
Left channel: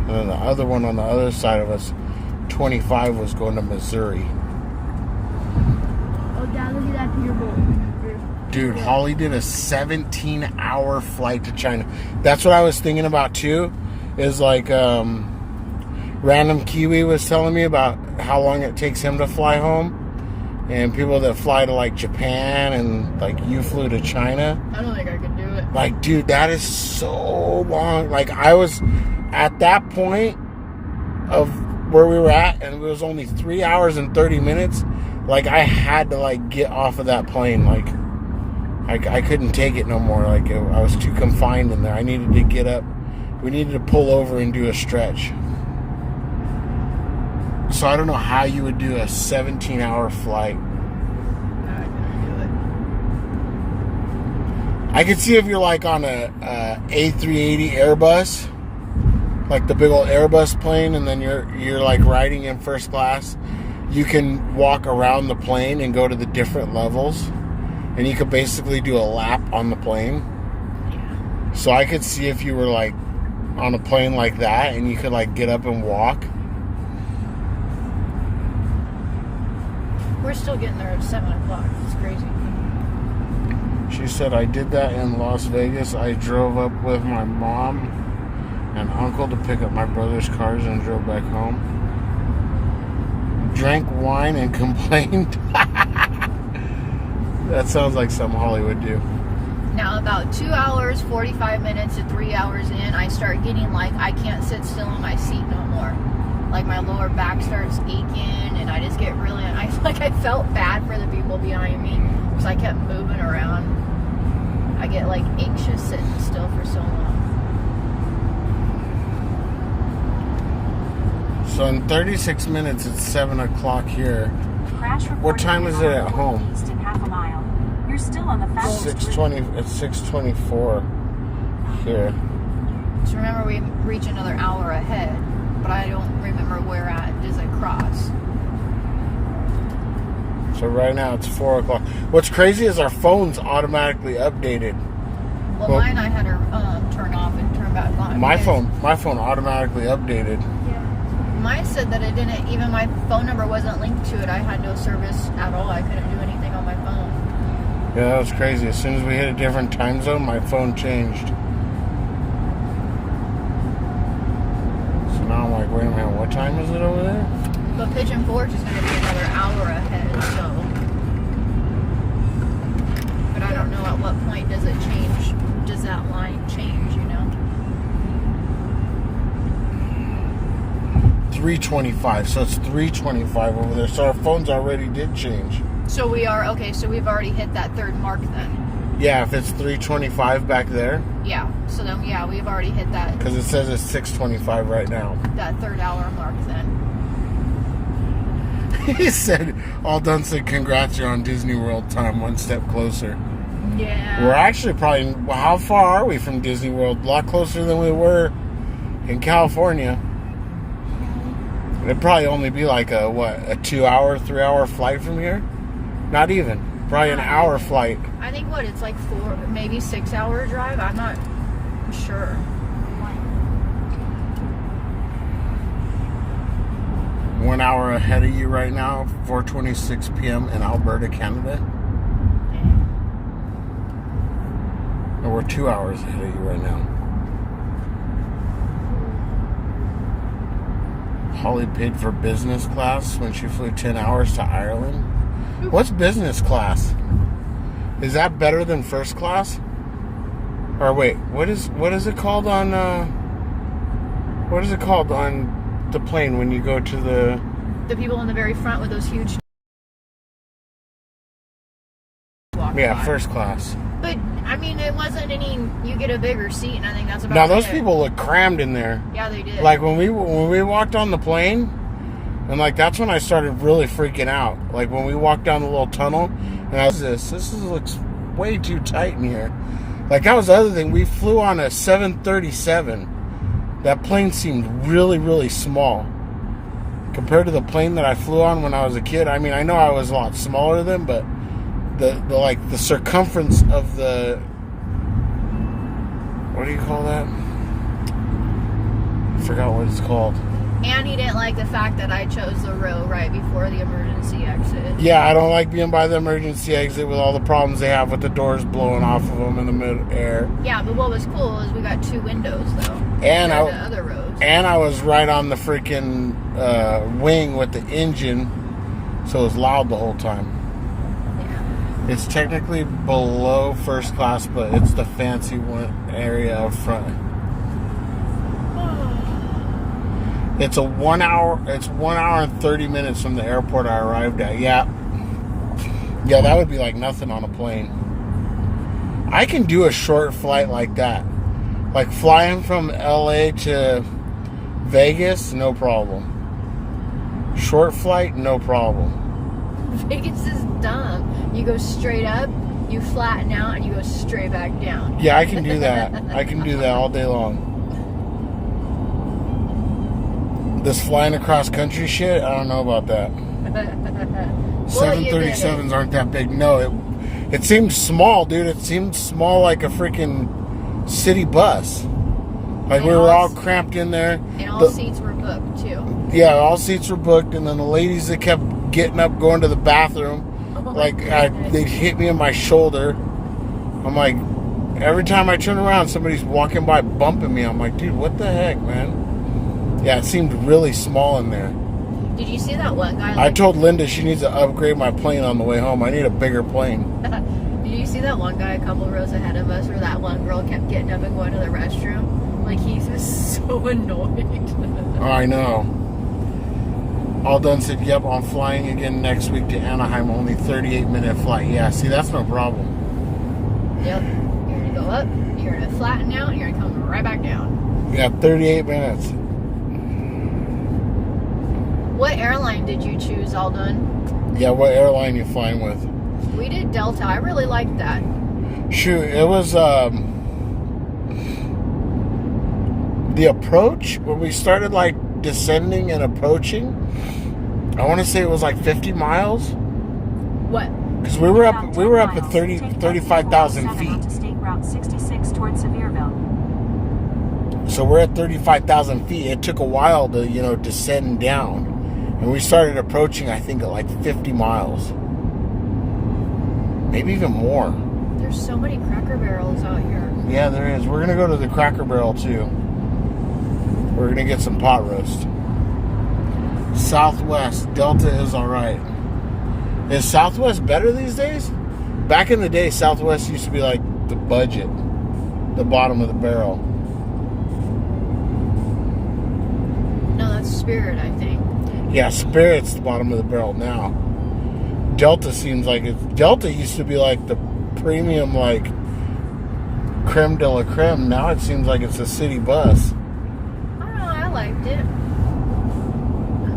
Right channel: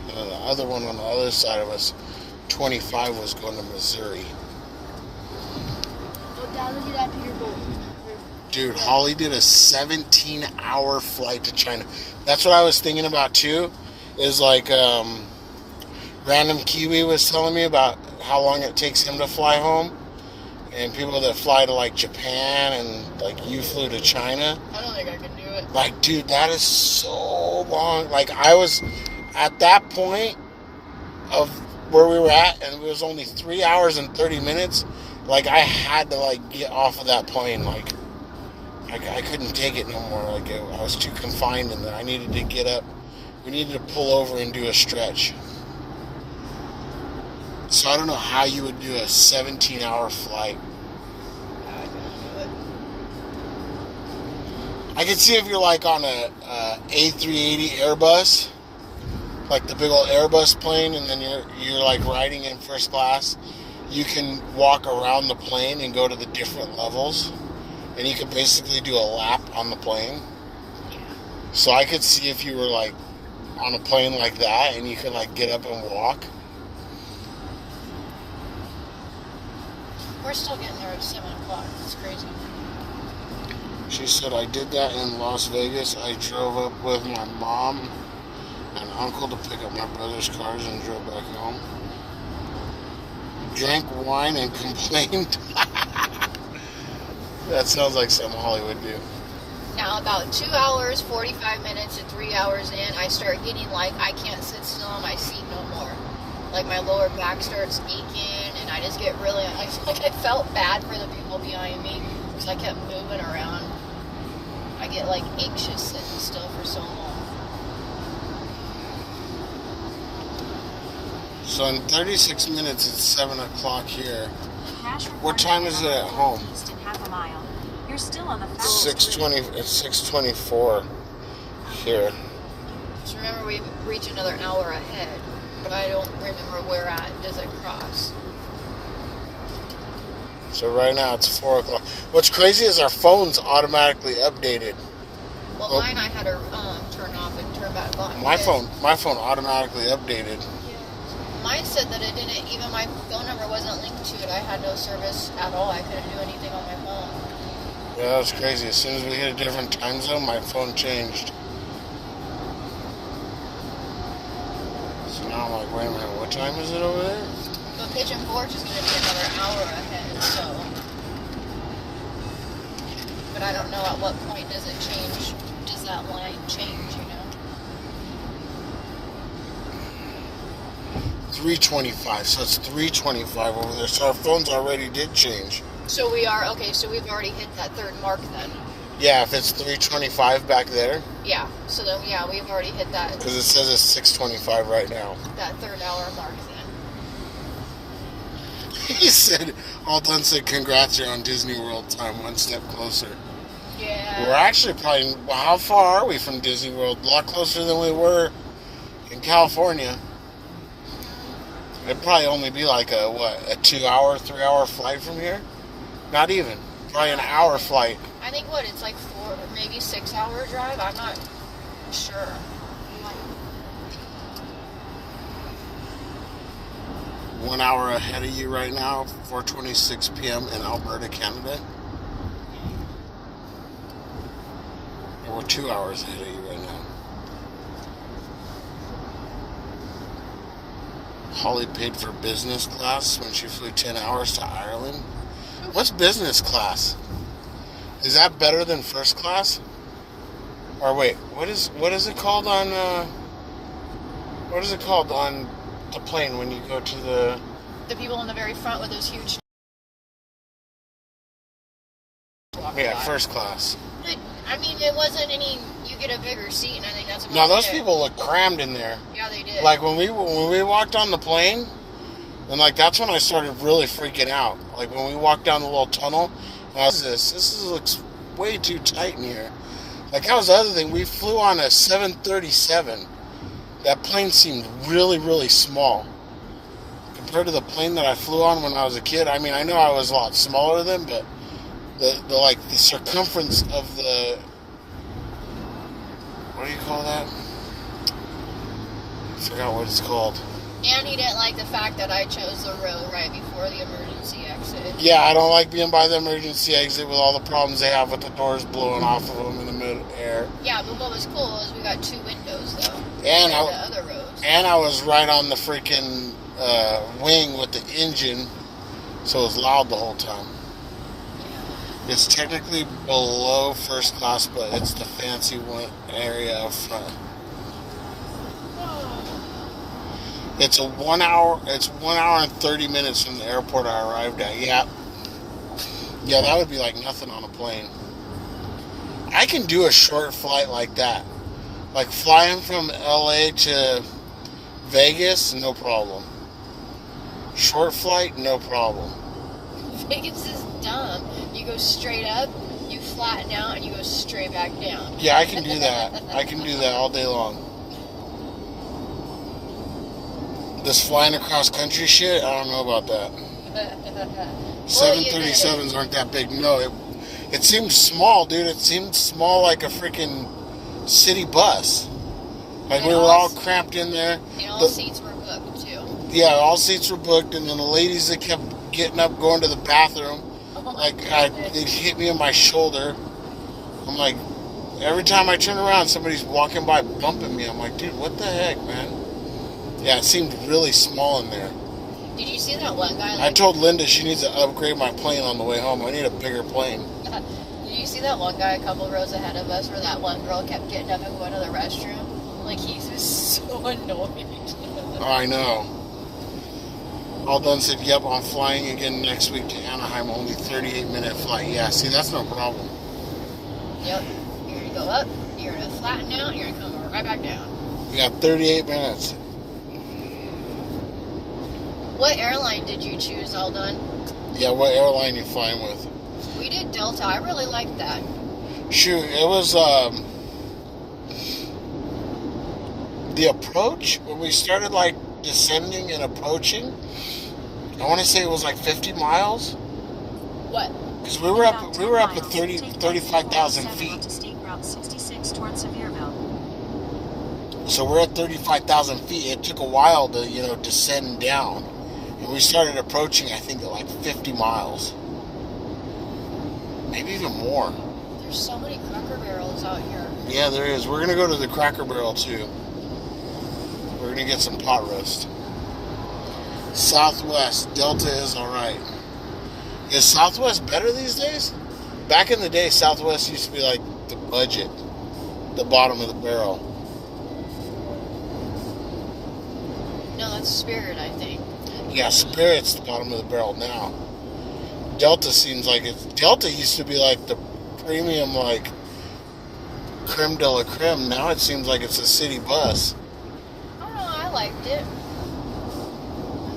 And then the other one on the other side of us, 25, was going to Missouri. Oh, Dad, look at that Peterbilt. Dude, Holly did a 17-hour flight to China. That's what I was thinking about too. Is like random Kiwi was telling me about how long it takes him to fly home, and people that fly to like Japan, and like you flew to China. I don't think I could do it. Like, dude, that is so long. Like, I was at that point of where we were at, and it was only 3 hours and 30 minutes. Like, I had to like get off of that plane. Like, I couldn't take it no more. Like, I was too confined in there. I needed to get up. We needed to pull over and do a stretch. So I don't know how you would do a 17-hour flight. I couldn't do it. I could see if you're like on a A380 Airbus, like the big old Airbus plane, and then you're like riding in first class. You can walk around the plane and go to the different levels, and you could basically do a lap on the plane. So I could see if you were like on a plane like that, and you could like get up and walk. We're still getting there at 7 o'clock. It's crazy. She said, I did that in Las Vegas. I drove up with my mom and uncle to pick up my brother's cars and drove back home. Drank wine and complained. That sounds like something Holly would do. Now, about 2 hours, 45 minutes to 3 hours in, I start getting like, I can't sit still in my seat no more. Like, my lower back starts aching, and I just get really, I felt bad for the people behind me, because I kept moving around. I get like anxious sitting still for so long. So in 36 minutes, it's 7 o'clock here. Crash What time is it at home? East in half a mile. You're still on the fastest 6:20. It's 6:24 here. So remember, we reach another hour ahead, but I don't remember where at does it cross. So right now it's 4 o'clock. What's crazy is our phone's automatically updated. Well, mine I had to turn off and turn back on. My because phone automatically updated. Mine said that it didn't, even my phone number wasn't linked to it. I had no service at all. I couldn't do anything on my phone. Yeah, that was crazy. As soon as we hit a different time zone, my phone changed. So now I'm like, wait a minute, what time is it over there? But Pigeon Forge is going to be another hour ahead, so. But I don't know at what point does it change. Does that line change, you know? 3:25. So it's 3:25 over there. So our phones already did change. So we are, okay, so we've already hit that third mark then. Yeah, if it's 3:25 back there, Yeah, so then, yeah, we've already hit that, because it says it's 6:25 right now. that third hour mark then. He said, all done said, congrats, you're on Disney World time, one step closer. Yeah. We're actually probably, how far are we from Disney World? A lot closer than we were in California. It'd probably only be like a 2-hour, 3-hour flight from here? Not even. Probably an hour flight. I think it's like 4, maybe 6-hour drive. I'm not sure. 1 hour ahead of you right now, 4:26 p.m. in Alberta, Canada. Or we're 2 hours ahead of you right now. Holly paid for business class when she flew 10 hours to Ireland. What's business class? Is that better than first class? Or wait, what is it called on the plane when you go to the people in the very front with those huge first class. But I mean, it wasn't any. You get a bigger seat, and I think that's about. Now those it. people look crammed in there. Yeah, they did. Like when we walked on the plane, and like that's when I started really freaking out. Like when we walked down the little tunnel, and I was this looks way too tight in here. Like that was the other thing. We flew on a 737. That plane seemed really, really small compared to the plane that I flew on when I was a kid. I mean, I know I was a lot smaller than, but the circumference of the, what do you call that? I forgot what it's called. And he didn't like the fact that I chose the row right before the emergency exit. Yeah, I don't like being by the emergency exit with all the problems they have with the doors blowing off of them in the mid-air. Yeah, but what was cool is we got 2 windows though. And the other rows. And I was right on the freaking wing with the engine, so it was loud the whole time. Yeah. It's technically below first class, but it's the fancy one area up front. It's 1 hour. It's 1 hour and 30 minutes from the airport I arrived at. Yeah, that would be like nothing on a plane. I can do a short flight like that, like flying from LA to Vegas, no problem. Short flight, no problem. Vegas is dumb. You go straight up, you flatten out, and you go straight back down. Yeah, I can do that. I can do that all day long. This flying across country shit, I don't know about that. 737s aren't that big. No, it seemed small, dude. It seemed small like a freaking city bus. Like we were all cramped in there. And all seats were booked, too. Yeah, all seats were booked. And then the ladies that kept getting up, going to the bathroom, they'd hit me in my shoulder. I'm like, every time I turn around, somebody's walking by bumping me. I'm like, dude, what the heck, man? Yeah, it seemed really small in there. Did you see that one guy? I told Linda she needs to upgrade my plane on the way home. I need a bigger plane. Did you see that one guy a couple rows ahead of us where that one girl kept getting up and going to the restroom? Like, he was so annoyed. Oh, I know. All done said, yep, I'm flying again next week to Anaheim. Only 38-minute flight. Yeah, see, that's no problem. Yep. You're going to go up, you're going to flatten out, you're going to come right back down. Yeah, 38 minutes. What airline did you choose, Aldon? Yeah, what airline you flying with? We did Delta. I really liked that. Shoot, it was the approach when we started like descending and approaching. I want to say it was like 50 miles. What? Because we were up at 35,000 feet. State Route 66 towards Sevierville. So we're at 35,000 feet. It took a while to descend down. And we started approaching, I think, at like 50 miles. Maybe even more. There's so many Cracker Barrels out here. Yeah, there is. We're going to go to the Cracker Barrel, too. We're going to get some pot roast. Southwest. Delta is all right. Is Southwest better these days? Back in the day, Southwest used to be like the budget. The bottom of the barrel. No, that's Spirit, I think. Yeah, Spirit's the bottom of the barrel now. Delta seems like Delta used to be like the premium, like creme de la creme. Now it seems like it's a city bus. I don't know, I liked it.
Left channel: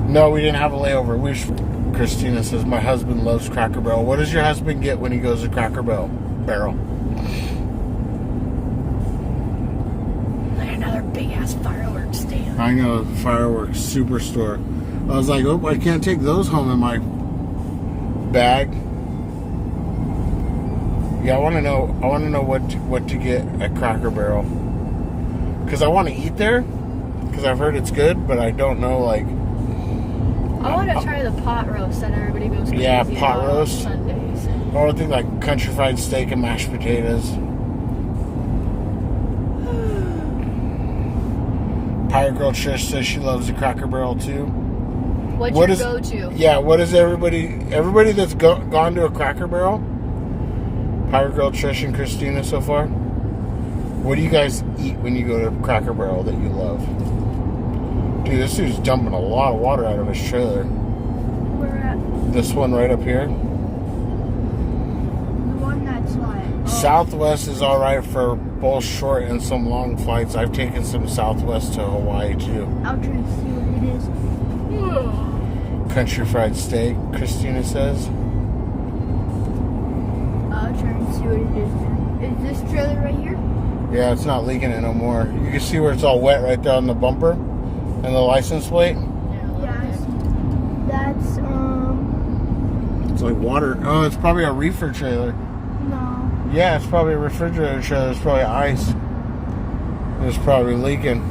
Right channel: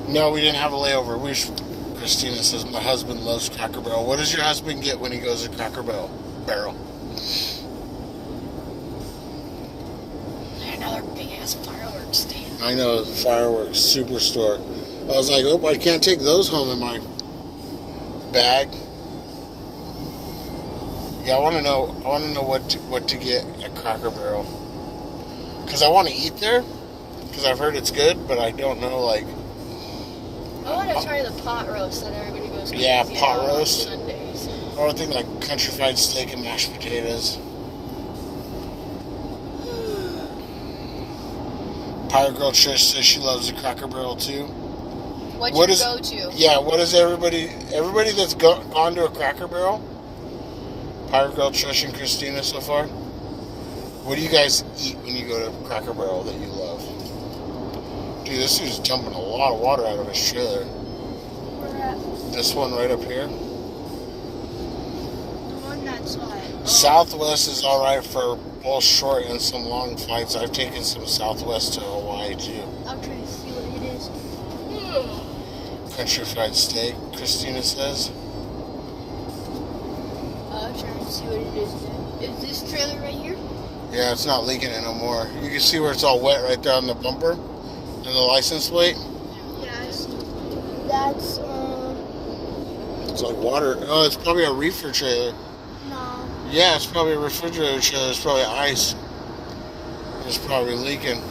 No, we didn't have a layover. Christina says my husband loves Cracker Barrel. What does your husband get when he goes to Cracker Barrel? ass fireworks stand. I know, fireworks superstore. I was like, oh, I can't take those home in my bag. Yeah, I want to know what to get at Cracker Barrel, because I want to eat there, because I've heard it's good, but I don't know, like. I want to try the pot roast that everybody goes crazy Yeah, pot about roast. on Sundays. I would think like country fried steak and mashed potatoes. Pirate Girl Trish says she loves the Cracker Barrel too. What's What your is- go-to? Yeah, what is everybody that's gone to a Cracker Barrel? Pirate Girl Trish and Christina so far. What do you guys eat when you go to Cracker Barrel that you love? Dude, this dude's dumping a lot of water out of his trailer. We're at This one right up here. the one that's like. Southwest is alright for both short and some long flights. I've taken some Southwest to Hawaii too. I'll try to see what it is. Country fried steak, Christina says. I'll try and see what it is. Is this trailer right here? Yeah, it's not leaking it no more. You can see where it's all wet right there on the bumper and the license plate. Yes. That's It's like water. Oh, it's probably a reefer trailer. no. Yeah, it's probably a refrigerator trailer. It's probably ice. It's probably leaking.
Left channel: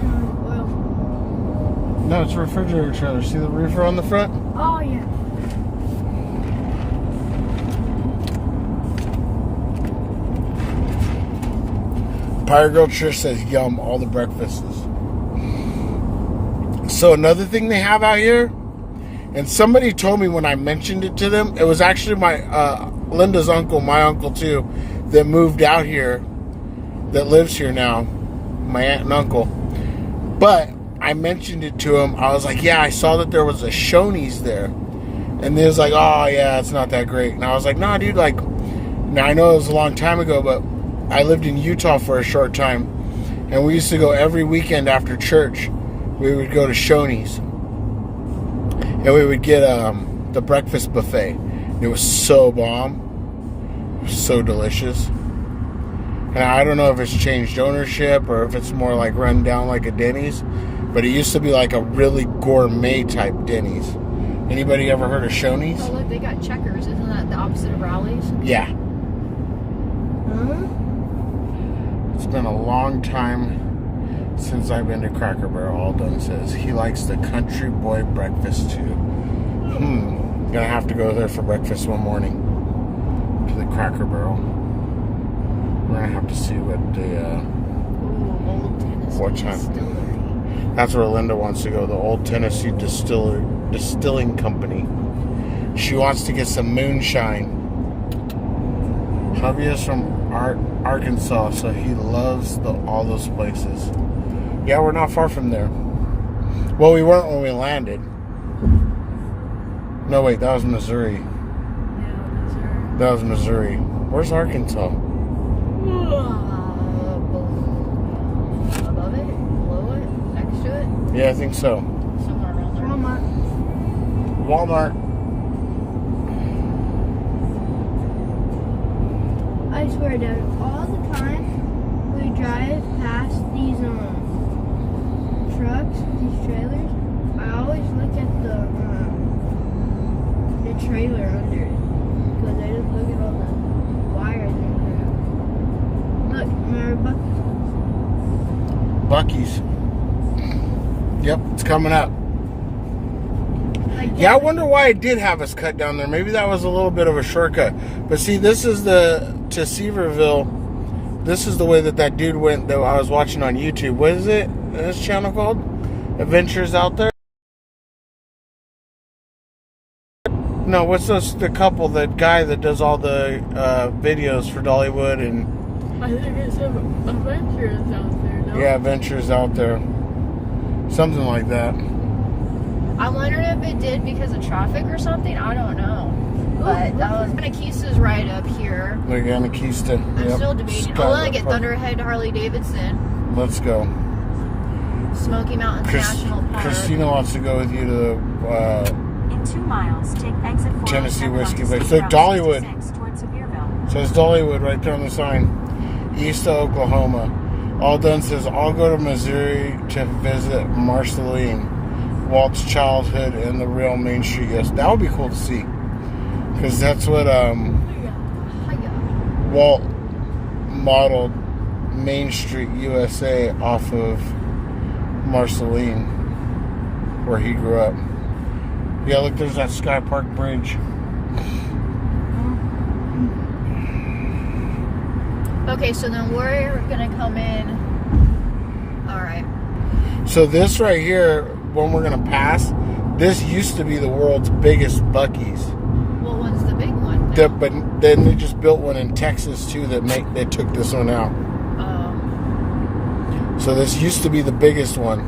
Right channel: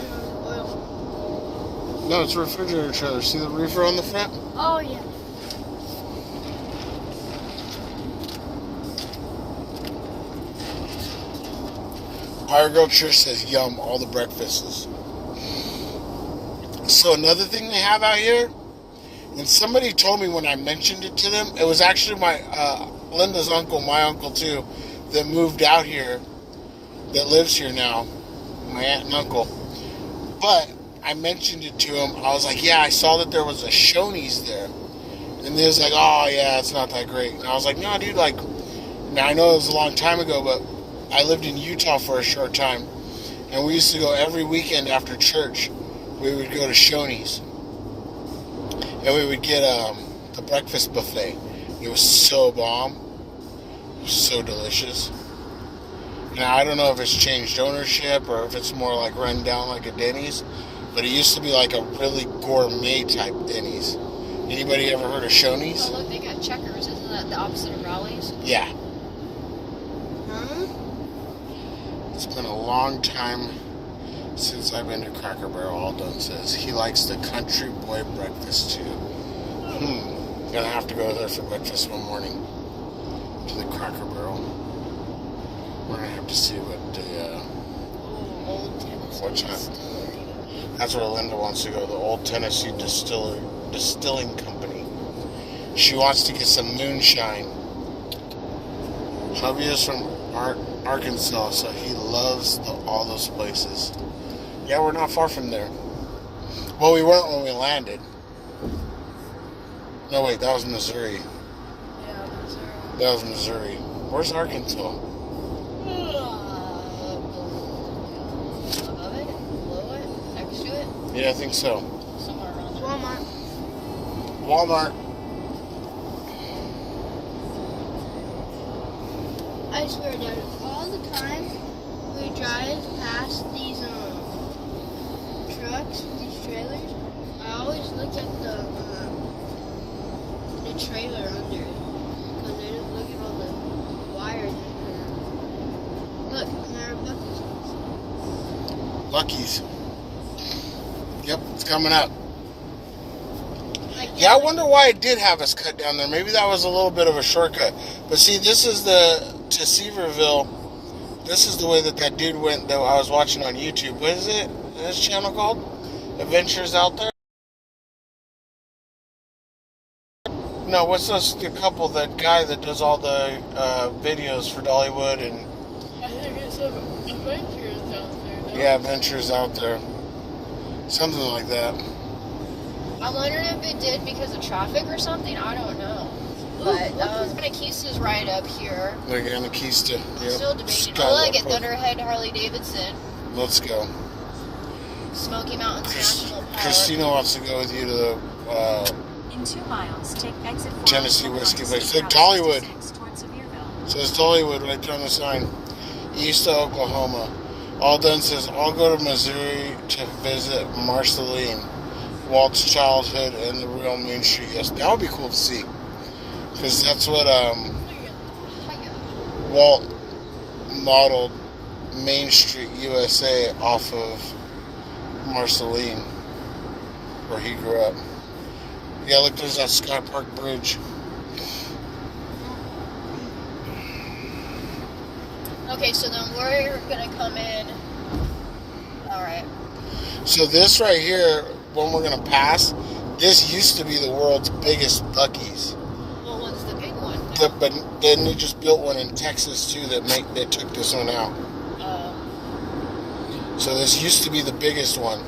Oil. No, it's a refrigerator trailer. See the reefer on the front? Oh yeah. Pirate Girl Trish says, yum, all the breakfasts. So another thing they have out here, and somebody told me when I mentioned it to them, it was actually my Linda's uncle, my uncle too, that moved out here, that lives here now, my aunt and uncle. But I mentioned it to him. I was like, yeah, I saw that there was a Shoney's there. And they was like, oh yeah, it's not that great. And I was like, nah, dude, like, now I know it was a long time ago, but I lived in Utah for a short time, and we used to go every weekend after church. We would go to Shoney's, and we would get the breakfast buffet. It was so bomb, so delicious. And I don't know if it's changed ownership or if it's more like run down like a Denny's, but it used to be like a really gourmet type Denny's. Anybody ever heard of Shoney's? Oh, look, they got Checkers. Isn't that the opposite of Rowley's? Yeah. Huh? It's been a long time since I've been to Cracker Barrel, Aldon says. He likes the country boy breakfast too. Gonna have to go there for breakfast one morning. To the Cracker Barrel. We're gonna have to see what the Ooh, Old Tennessee What time? Distillery. that's where Linda wants to go, the Old Tennessee Distilling Company. She wants to get some moonshine. Hubby is from Arkansas, so he loves all those places. Yeah, we're not far from there. Well, we weren't when we landed. No, wait, that was Missouri. Yeah, those are. That was Missouri. Where's Arkansas? Above it, below it, next to it, Yeah, I think so. somewhere around there. Walmart. Walmart. I swear, Dad, all the time we drive past these trucks, these trailers, I always look at the trailer under it because I just look at all the wires. Look, remember Buc-ee's. Yep, it's coming up. Like Yeah, I wonder why it did have us cut down there. Maybe that was a little bit of a shortcut. But see, this is to Seaverville. This is the way that dude went that I was watching on YouTube. What is it? This channel called? Adventures Out There? No, what's this? The couple, the guy that does all the videos for Dollywood and I think it's Adventures out there, no? yeah, Adventures Out There. Something like that. I wondered if it did because of traffic or something. I don't know. But Benaquista's right up here. Like Anakista. I'm Yep. still debating. Sky Oh, look at Park. Thunderhead Harley Davidson. Let's go. Smoky Mountains National Park. Christina wants to go with you to the In 2 miles, take exit 4 Tennessee Whiskey onto Place. State Look, Route Dollywood. 66 towards Sevierville. Says Dollywood right there on the sign. East of Oklahoma. All Done says, I'll go to Missouri to visit Marceline, Walt's childhood and the real Main Street. Yes, that would be cool to see. Because that's what Walt modeled Main Street, USA off of Marceline, where he grew up. Yeah, look, there's that Sky Park Bridge. Okay, so then we're gonna come in. All right. So this right here, when we're gonna pass, this used to be the world's biggest Buc-ee's. What one's the big one? now? But then they just built one in Texas too they took this one out. Oh. So this used to be the biggest one.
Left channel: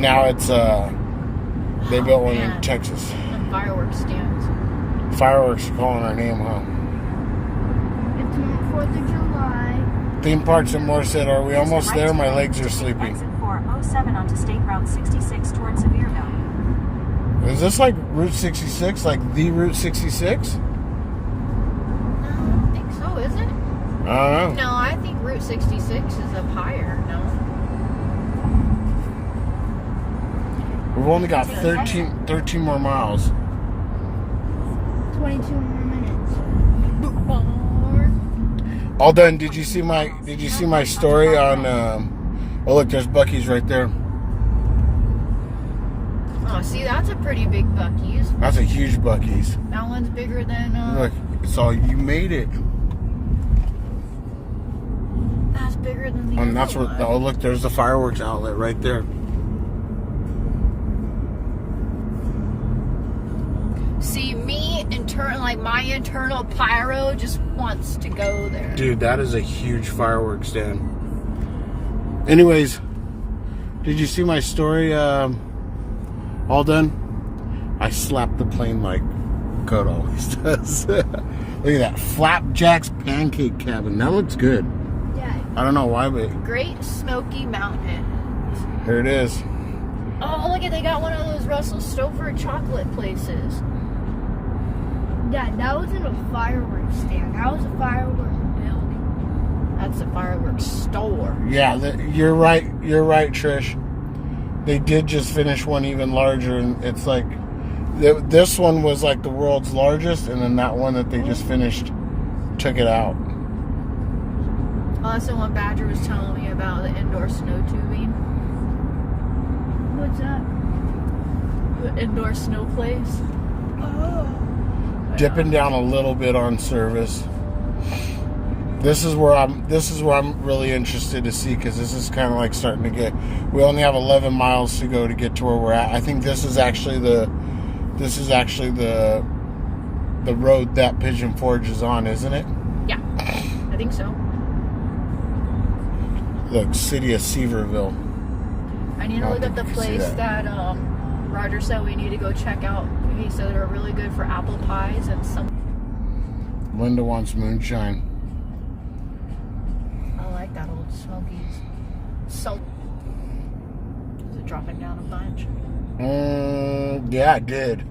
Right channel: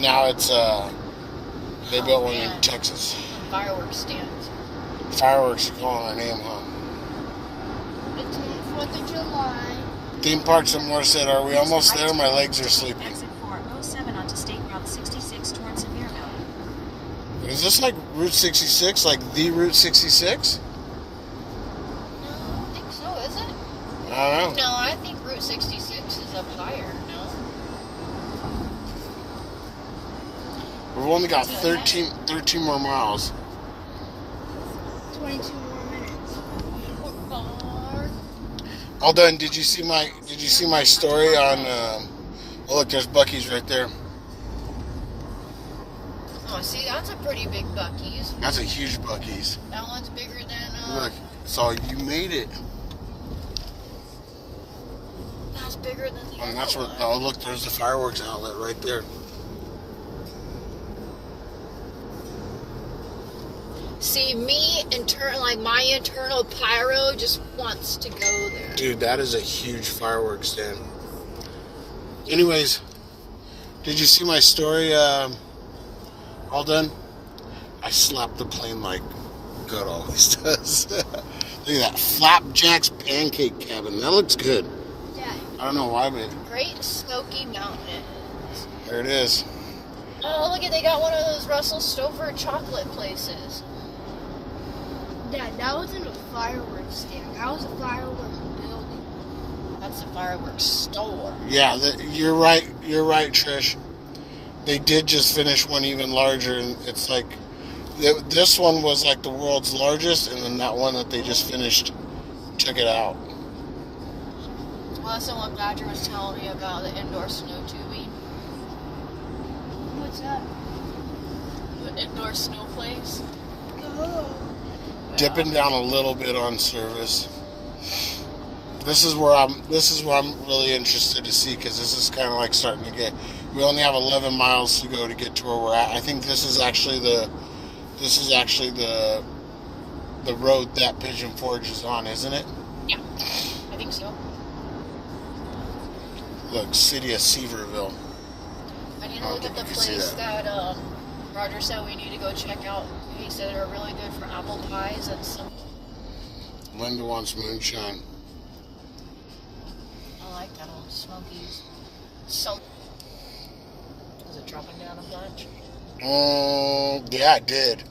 Now it's they built one in man. Texas. And fireworks stands. Fireworks are calling our name, huh? It's 4th of July. Theme Parks and More said, are we almost there? My legs are sleeping. Exit 407 onto State Route 66 towards Sevierville. Is this like Route 66? Like the Route 66? No, I don't think so, is it? I don't know. No, I think Route 66 is up higher. No. We've only got 13 more miles. 22 more minutes. All done. Did you see my story on oh look, there's Buc-ee's right there. Oh, see, that's a pretty big Buc-ee's. That's a huge Buc-ee's. That one's bigger than. Look, it's all you made it. That's bigger than the And other that's where one. oh look, there's the fireworks outlet right there. See, my internal pyro just wants to go there. Dude, that is a huge fireworks stand. Anyways, did you see my story? All done? I slapped the plane like Code always does. Look at that. Flapjack's Pancake Cabin. That looks good. Yeah. I don't know why, but Great Smoky Mountain. here it is. Oh, look at, they got one of those Russell Stover chocolate places. Dad, that wasn't a fireworks stand. That was a fireworks building. That's a fireworks store. Yeah, you're right. You're right, Trish. They did just finish one even larger, and it's like this one was like the world's largest, and then that one that they just finished took it out. Oh, that's the one Badger was telling me about, the indoor snow tubing. What's up? The indoor snow place. Oh. Dipping down a little bit on service. This is where I'm really interested to see, because this is kind of like starting to get. We only have 11 miles to go to get to where we're at. I think this is actually the road that Pigeon Forge is on, isn't it? Yeah, I think so. Look, city of Seaverville. I need to look at the place that Roger said we need to go check out. He said they're really good for apple pies and some. Linda wants moonshine. I like that old Smokies. So, is it dropping down a bunch? Yeah, it did.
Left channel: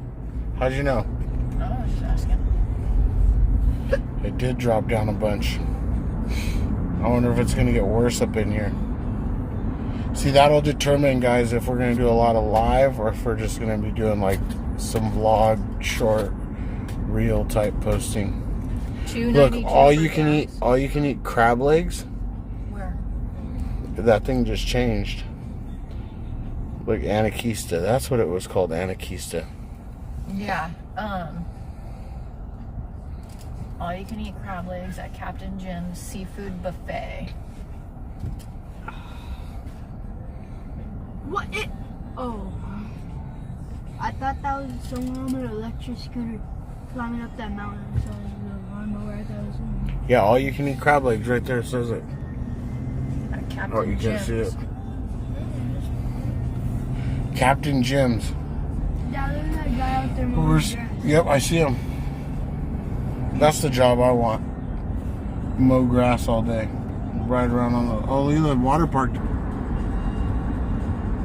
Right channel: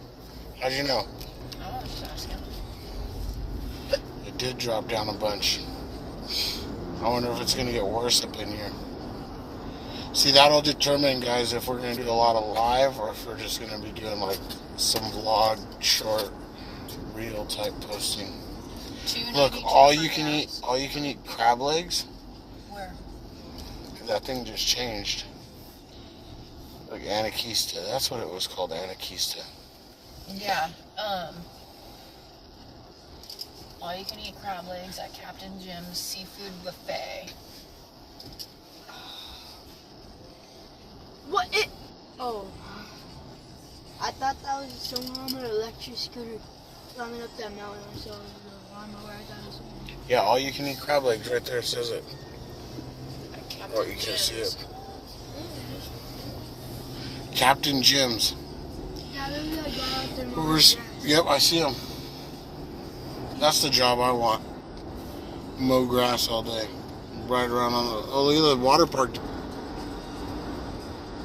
How'd you know? I was just asking. It did drop down a bunch. I wonder if it's going to get worse up in here. See, that'll determine, guys, if we're going to do a lot of live or if we're just going to be doing like some vlog, short, reel type posting. Look, all you can eat crab legs. Where? That thing just changed. Look, Anakista. That's what it was called, Anakista. Yeah. All you can eat crab legs at Captain Jim's Seafood Buffet. What? Oh. I thought that was someone on an electric scooter climbing up that mountain. So I don't know where I thought it was someone. Yeah, all you can eat crab legs right there. It says it. At Captain Oh, you can't Jim's. see it. Captain Jim's. Yeah, there's that guy out there. mowing Where's, grass. yep, I see him. That's the job I want. Mow grass all day. Ride around on the... Oh, look at the water park.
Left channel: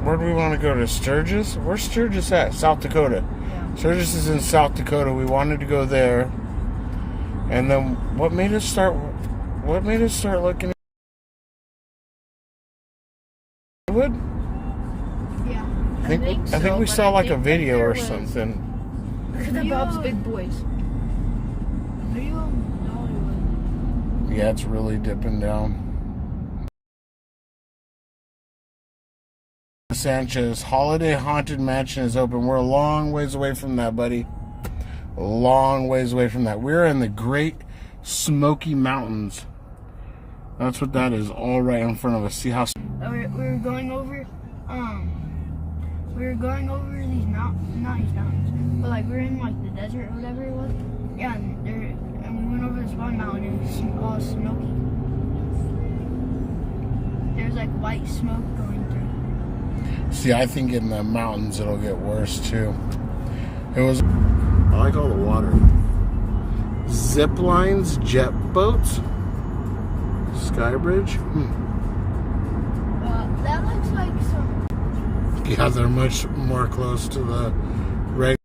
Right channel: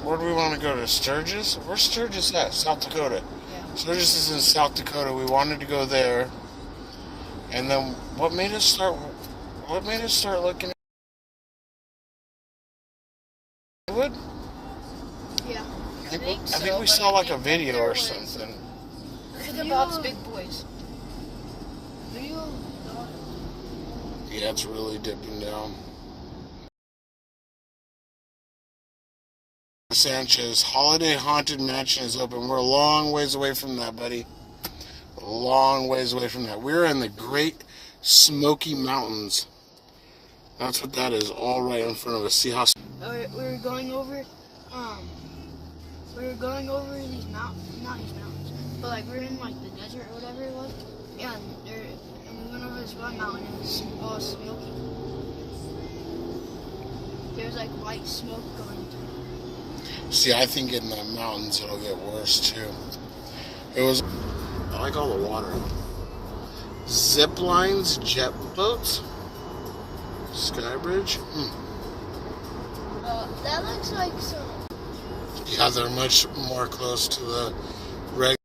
Where do we want to go? To Sturgis? Where's Sturgis at? South Dakota. Yeah. Sturgis is in South Dakota. We wanted to go there. And then what made us start looking think we but saw I like a think video there or was- something. Look at the Bob's Big Boys. Video? No. Yeah, it's really dipping down. Sanchez, Holiday Haunted Mansion is open. We're a long ways away from that, buddy. A long ways away from that. We're in the Great Smoky Mountains. That's what that is, all right in front of us. See how... We were going over, these mountains, not these mountains, but like we were in like the desert or whatever it was. Yeah, and we went over this one mountain and it's all smoky. There's like white smoke going through. See, I think in the mountains it'll get worse too. It was... I like all the water. Zip lines, jet boats, Skybridge. That looks like some. Yeah, they're much more close to the regular.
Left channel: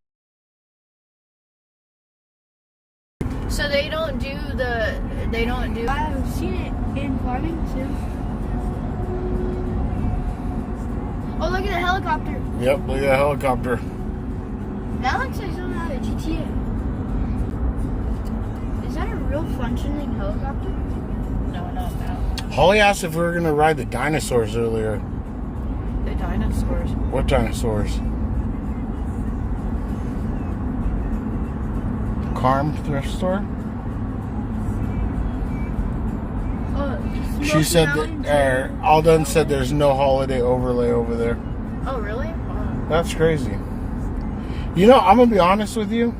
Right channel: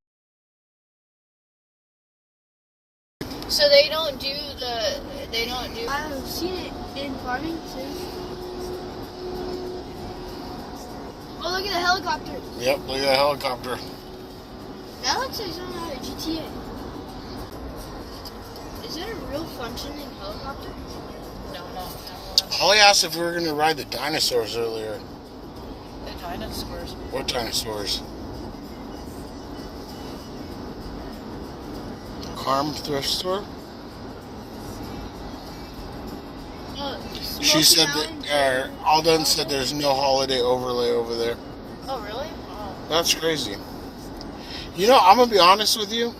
So they don't do. I've seen it in Farmington. Oh, look at the helicopter. Yep, look at that helicopter. That looks like something out of GTA. Is that a real functioning helicopter? No. Holly asked if we were going to ride the dinosaurs earlier. The dinosaurs. What dinosaurs? Carm thrift store? She said that, Alden said there's no holiday overlay over there. Oh really? Oh. That's crazy. You know, I'm going to be honest with you.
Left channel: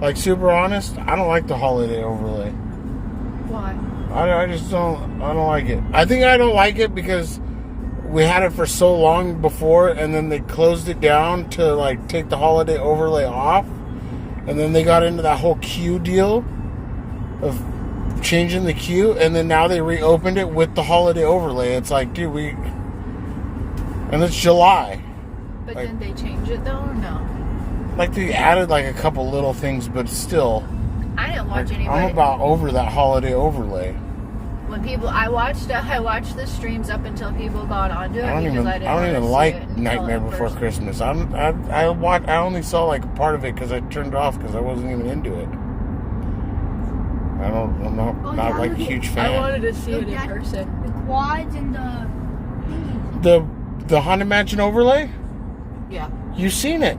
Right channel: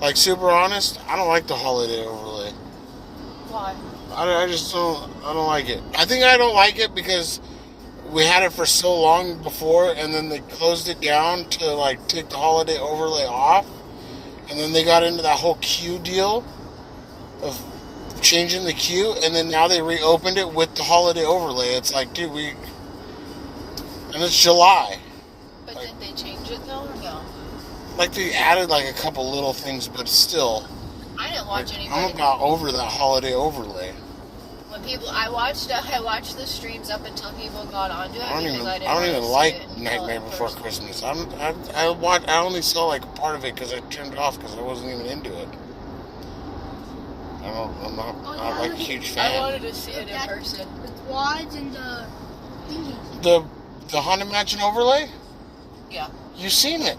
Like, super honest, I don't like the holiday overlay. Why? I just don't like it. I think I don't like it because we had it for so long before and then they closed it down to like take the holiday overlay off, and then they got into that whole queue deal of changing the queue, and then now they reopened it with the holiday overlay. It's like, dude, and it's July. But Like- didn't they change it though or no? Like, they added like a couple little things, but still, I didn't watch anybody. I'm about over that holiday overlay. When people, I watched the streams up until people got onto it. I don't because even I didn't even wanna see like it until Nightmare in Before person. Christmas. I only saw like part of it because I turned it off because I wasn't even into it. I'm not like a huge I fan. wanted to see it in That- person. The quads and the thingies. The Haunted Mansion overlay? Yeah. You've seen it.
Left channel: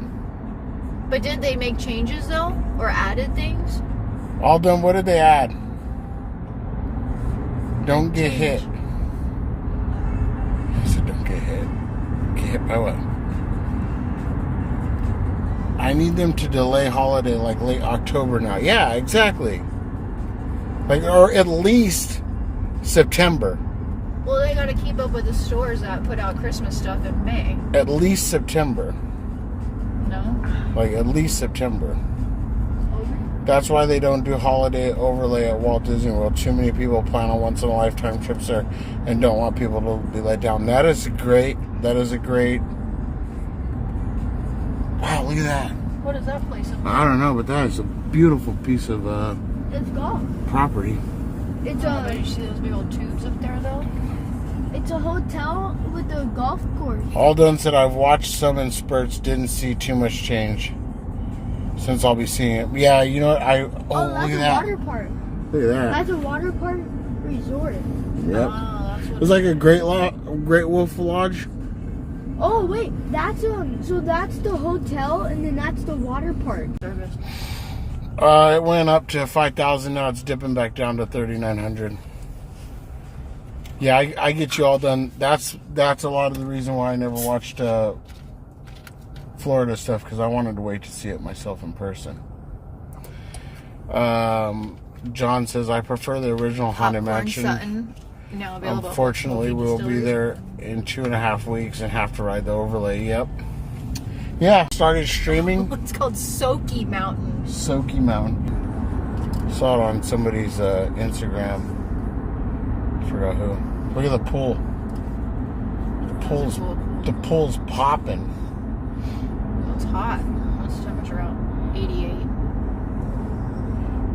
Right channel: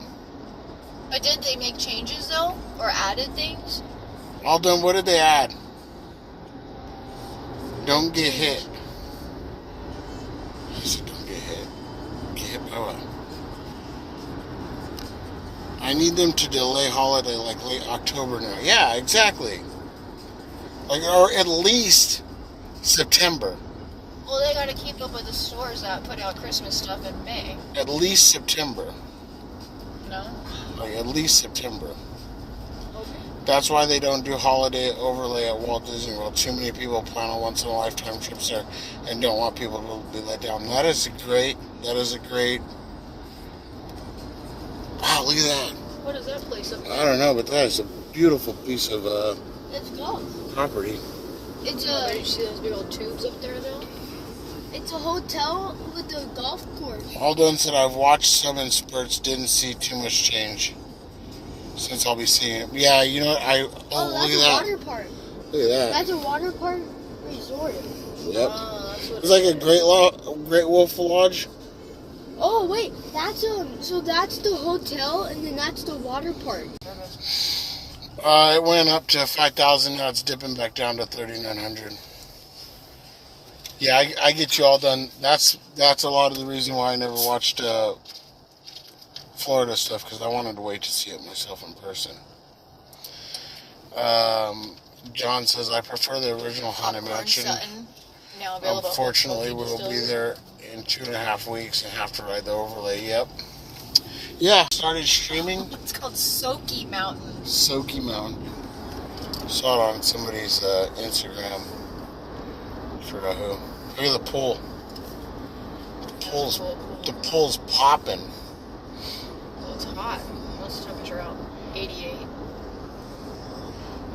But did they make changes though, or added things? All done. What did they add? Don't get hit. I said don't get hit. Get hit by what? I need them to delay holiday like late October now. Yeah, exactly. Like, or at least September. Well, they got to keep up with the stores that put out Christmas stuff in May. At least September. No. Like, at least September. That's why they don't do holiday overlay at Walt Disney World. Too many people plan on once-in-a-lifetime trips there and don't want people to be let down. That is a great... Wow, look at that. What is that place up there? I don't know, but that is a beautiful piece of It's golf. property. It's Did a you see those big old tubes up there though? it's a hotel with a golf course. Alden said I've watched some in spurts, didn't see too much change since I'll be seeing it. Yeah, you know what? Oh, Look that's at a that. water park. Look at that. That's a water park resort. Yep. That's what It's like a Great Wolf Lodge. Oh wait, so that's the hotel and then that's the water park. It went up to 5,000. Now it's dipping back down to 3,900. Yeah, I get you all done. That's a lot of the reason why I never watched Florida stuff, because I wanted to wait to see it myself in person. John says I prefer the original Haunted Popcorn Mansion. Sutton, now available. Unfortunately, Local we'll be distillery. there in 2.5 weeks and have to ride the overlay. Yep. Yeah, started streaming. It's called Soaky Mountain. Soaky Mountain. Saw it on somebody's Instagram. Forgot who. Look at the pool. The pool's popping. It's hot. What's the temperature out? 88.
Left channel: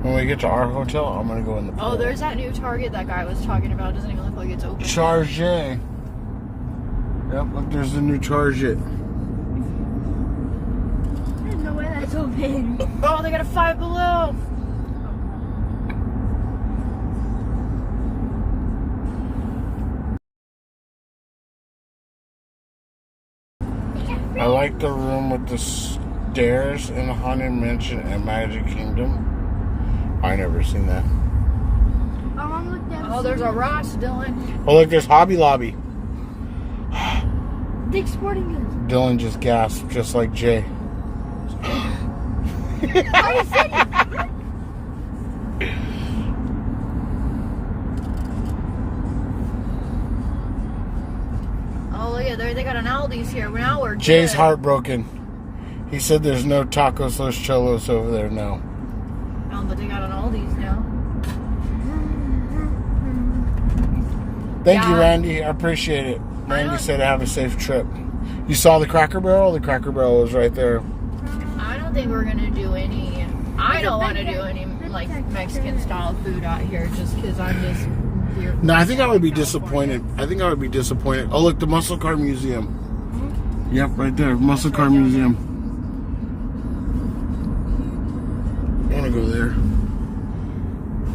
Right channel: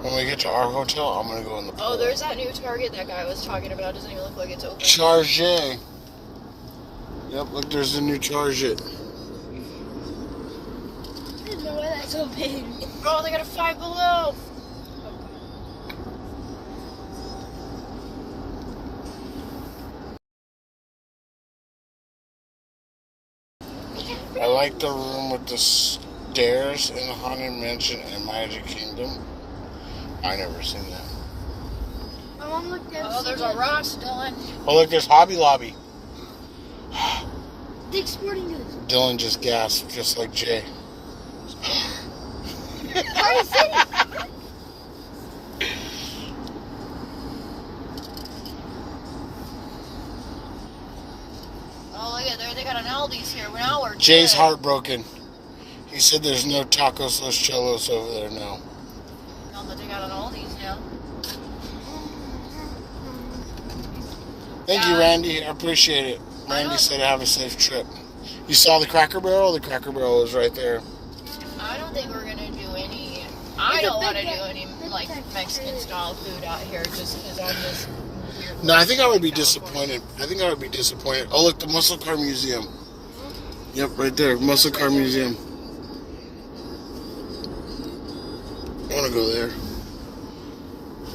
When we get to our hotel, I'm gonna go in the pool. Oh, there's that new Target that guy was talking about. It doesn't even look like it's open. Charge. Yep, look, there's the new Charge. so big. Oh, they got a Five Below. I like the room with the stairs in the Haunted Mansion and Magic Kingdom. I never seen that. My mom looked at. Oh, there's a Ross, Dylan. Oh, look, there's Hobby Lobby. Dick's Sporting Goods. Dylan just gasped, just like Jay. Party City. Oh, look at there. They got an Aldi's here. Now we're Jay's good. heartbroken. He said there's no tacos los cholos over there now. Oh, but they got an Aldi's now. Thank you, Yeah. Randy. I appreciate it. Randy said have a safe trip. You saw the Cracker Barrel? The Cracker Barrel was right there. I don't think we're gonna do any. I don't want to do any like Mexican style food out here just because I'm just weird. No, I think I would be disappointed. Oh, look, the Muscle Car Museum. Yep, right there. Muscle Car Museum. I want to go there.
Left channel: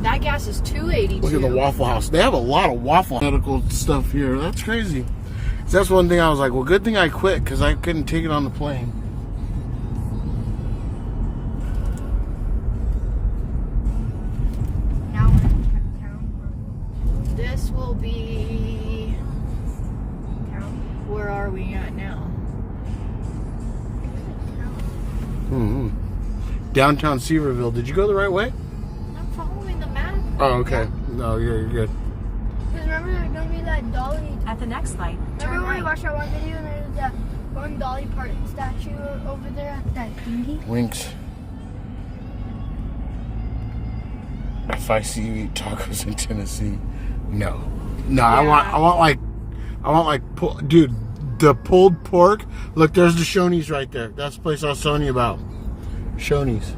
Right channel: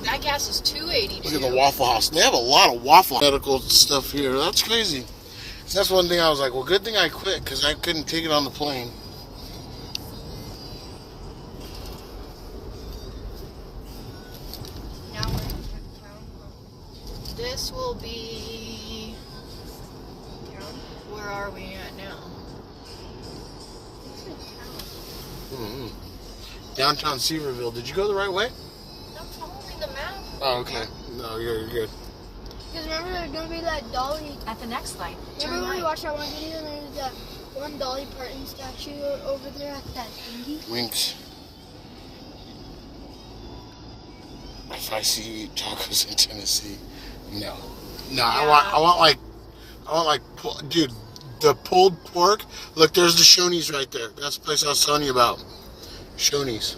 That gas is $2.82. Look at the Waffle House. They have a lot of waffle medical stuff here. That's crazy. So that's one thing I was like, well, good thing I quit because I couldn't take it on the plane. This will be. Where are we at now? Mm-hmm. Downtown Seaverville. Did you go the right way? I'm following the map. Oh, okay. No, you're good. Because remember there's gonna be that Dolly. At the next light, turn Remember when we right. watched that one video and there's that one Dolly Parton statue over there at that thingy? Winks. If I see you eat tacos in Tennessee, no. No, I want dude, the pulled pork. Look, there's the Shoney's right there. That's the place I was telling you about. Shoney's.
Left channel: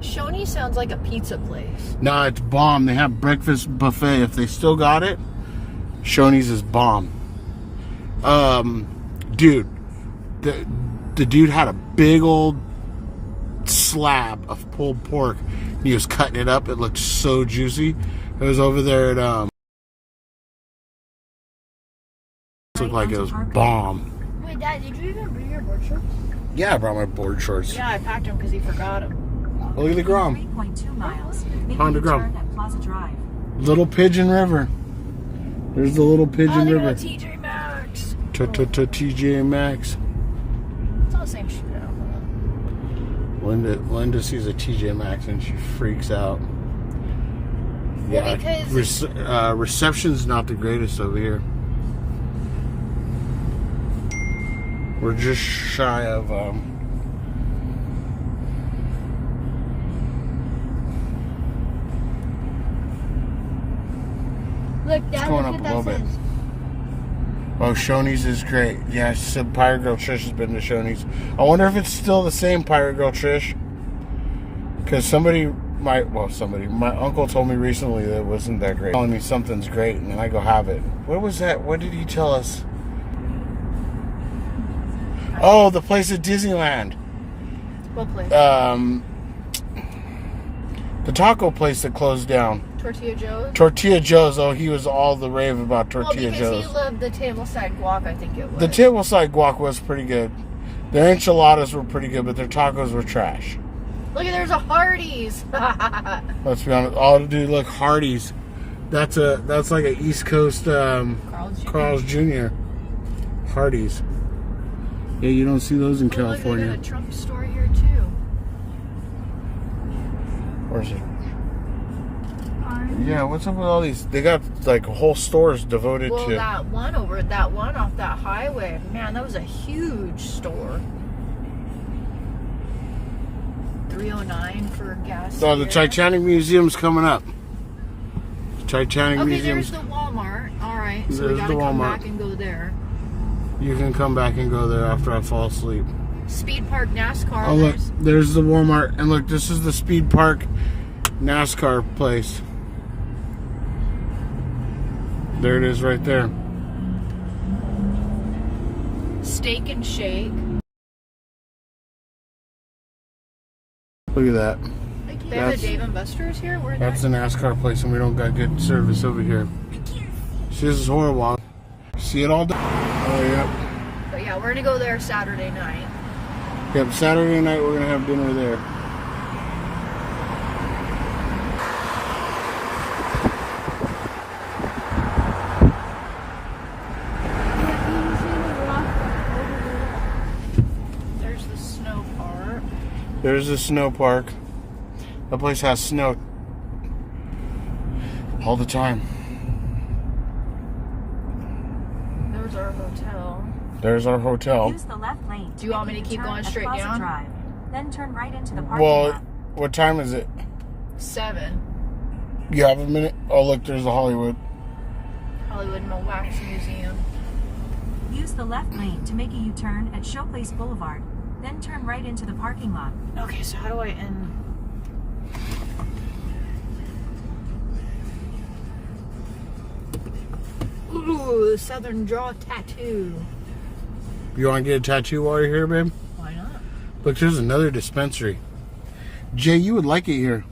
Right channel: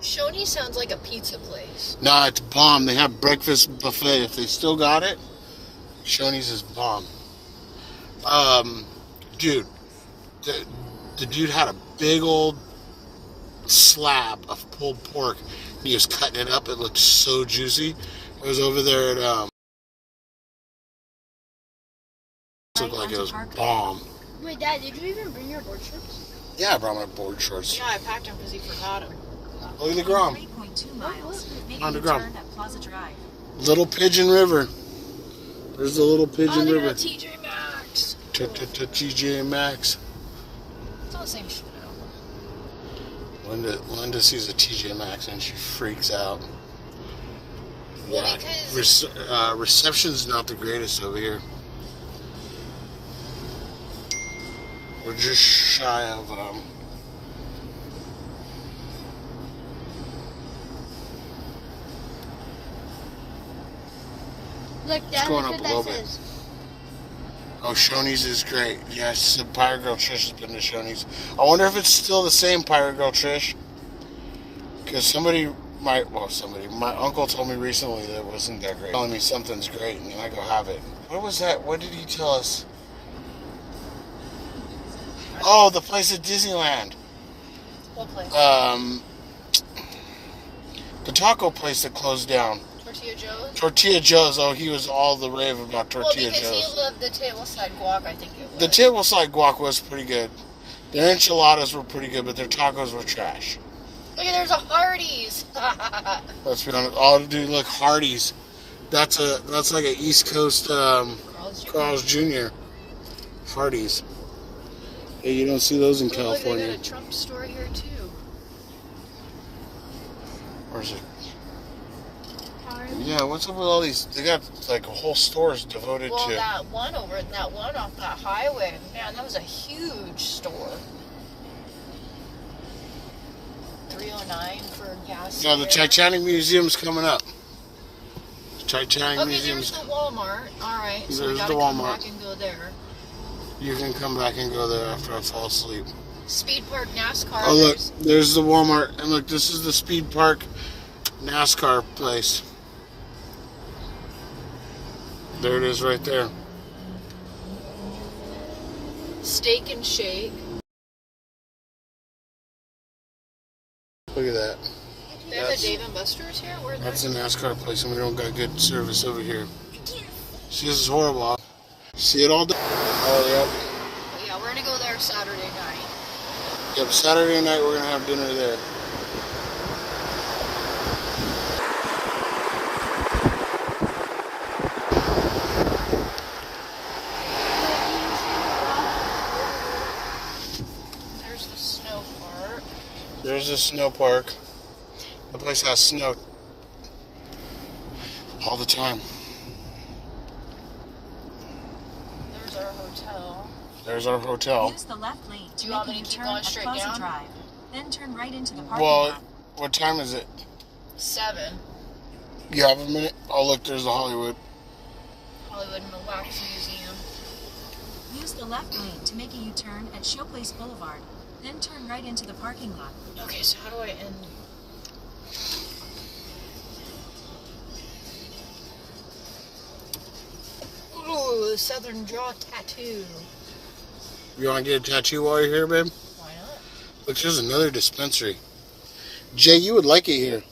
Shoney sounds like a pizza place. Nah, it's bomb. They have breakfast buffet. If they still got it, Shoney's is bomb. Dude, the dude had a big old slab of pulled pork. He was cutting it up. It looked so juicy. It was over there at looked like it was bomb. Wait, Dad, did you even bring your board shorts? Yeah, I brought my board shorts. Yeah, I packed him because he forgot him. Look at the Grom. 3.2 miles. Make Honda a Grom. turn at Plaza Drive. Little Pigeon River. There's the Little Pigeon Oh, River. TJ Maxx. TJ Maxx. It's all the same shit. Linda sees a TJ Maxx and she freaks out. Yeah, because- reception's not the greatest over here. We're just shy of Look, Dad, going look up what a little that bit. says. Oh, Shoney's is great. Yeah, she said Pirate Girl Trish has been to Shoney's. I wonder if it's still the same Pirate Girl Trish. Because my uncle told me recently that it wasn't that great. Telling me something's great, and then I go have it. What was that? What did he tell us? Oh, the place at Disneyland. What place? The taco place that closed down. Tortilla Joe's? Tortilla Joe's. Oh, he was all the rave about Tortilla because Joe's. he loved the tableside guac, I think it was. The tableside guac was pretty good. Their enchiladas were pretty good, but their tacos were trash. Look at there's a Hardee's. Let's be honest. Oh, dude, look, Hardee's. That's like a East Coast Carl's Jr. Hardee's. Yeah, you don't see those in California. Look at a Trump store here too. Where's it? Yeah, what's up with all these? They got like whole stores devoted Well, to. that one off that highway, man, that was a huge store. $3.09 for gas. Oh, the there. Titanic Museum's coming up. Titanic Okay, Museum's. there's the Walmart. All right, so we There's gotta the come Walmart. back and go there. You can come back and go there after I fall asleep. Speed Park NASCAR. Oh, look, there's the Walmart. And look, this is the Speed Park NASCAR place. There it is right there. Steak and Shake. Look at that. They have a That's- Dave and Buster's here? Where's That's that? a NASCAR place, and we don't got good service over here. See, this is horrible. See it all done. Oh, yep. But yeah, we're gonna go there Saturday night. Yep, Saturday night we're going to have dinner there. There's the snow park. There's the snow park. That place has snow all the time. There's our hotel. There's our hotel. Use the left lane. Do you want me to make a keep U-turn going at straight Plaza down? Drive. Then turn right into the parking Well, lot. what time is it? 7. You have a minute? Oh, look, there's the Hollywood. Hollywood and Wax Museum. Use the left lane to make a U-turn at Showplace Boulevard. Then turn right into the parking lot. Okay, so how do I end? Ooh, Southern Draw Tattoo. You want to get a tattoo while you're here, babe? Why not? Look, there's another dispensary. Jay, you would like it here.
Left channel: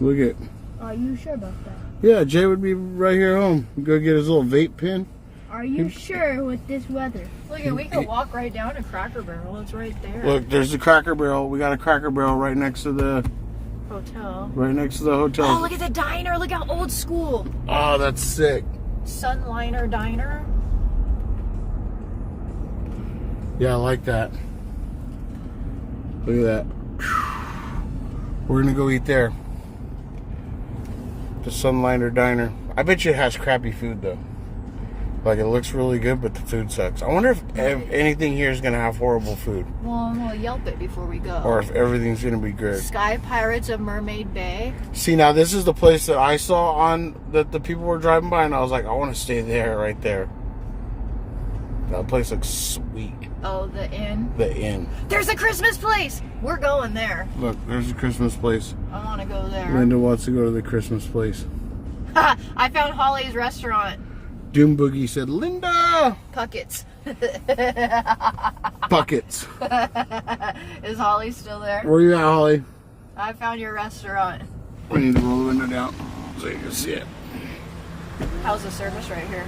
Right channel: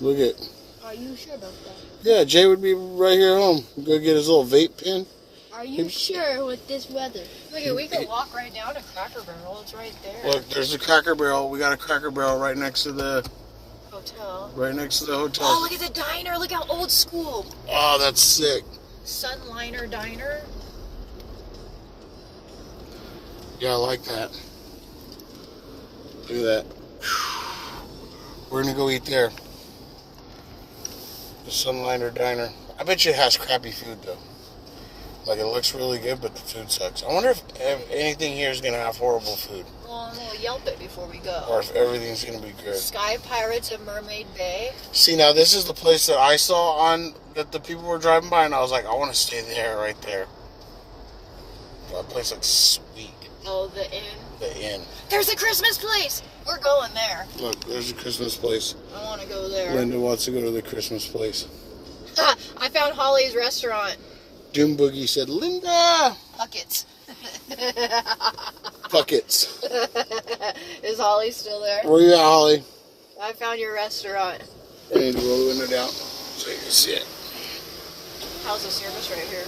Look at. Are you sure about that? Yeah, Jay would be right here at home. Go get his little vape pen. Are you sure with this weather? Look, we can walk right down to Cracker Barrel. It's right there. Look, there's the Cracker Barrel. We got a Cracker Barrel right next to the Hotel. hotel. Oh, look at the diner. Look how old school. Oh, that's sick. Sunliner Diner. Yeah, I like that. Look at that. We're gonna go eat there. The Sunliner Diner. I bet you it has crappy food though. Like it looks really good, but the food sucks. I wonder if anything here is gonna have horrible food, Well, we'll Yelp it before we go. or if everything's gonna be good. Sky Pirates of Mermaid Bay. See, now this is the place that I saw on that the people were driving by, and I was like, I want to stay there, right there. That place looks sweet. Oh, the inn. The inn. There's a Christmas place. We're going there. Look, there's a Christmas place. I want to go there. Linda wants to go to the Christmas place. I found Holly's restaurant. Doom Boogie said, Linda! Puckets. Buckets. Is Holly still there? Where you at, Holly? I found your restaurant. We need to roll the window down so you can see it. How's the service right here?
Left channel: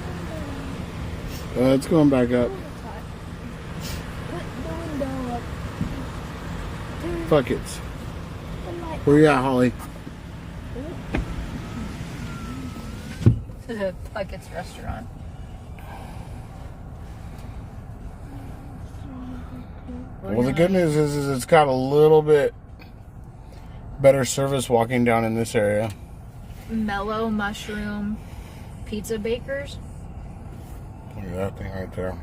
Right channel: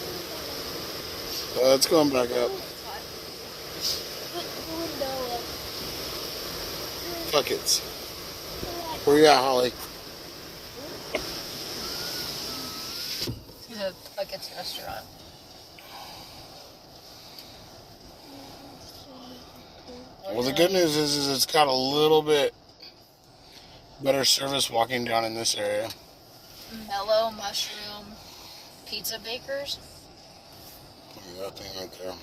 It's going back up. Put the window up. Buckets. The light. Where you at, Holly? Puckets restaurant. Well, the good news is it's got a little bit better service walking down in this area. Mellow Mushroom Pizza Bakers. Look at that thing right there.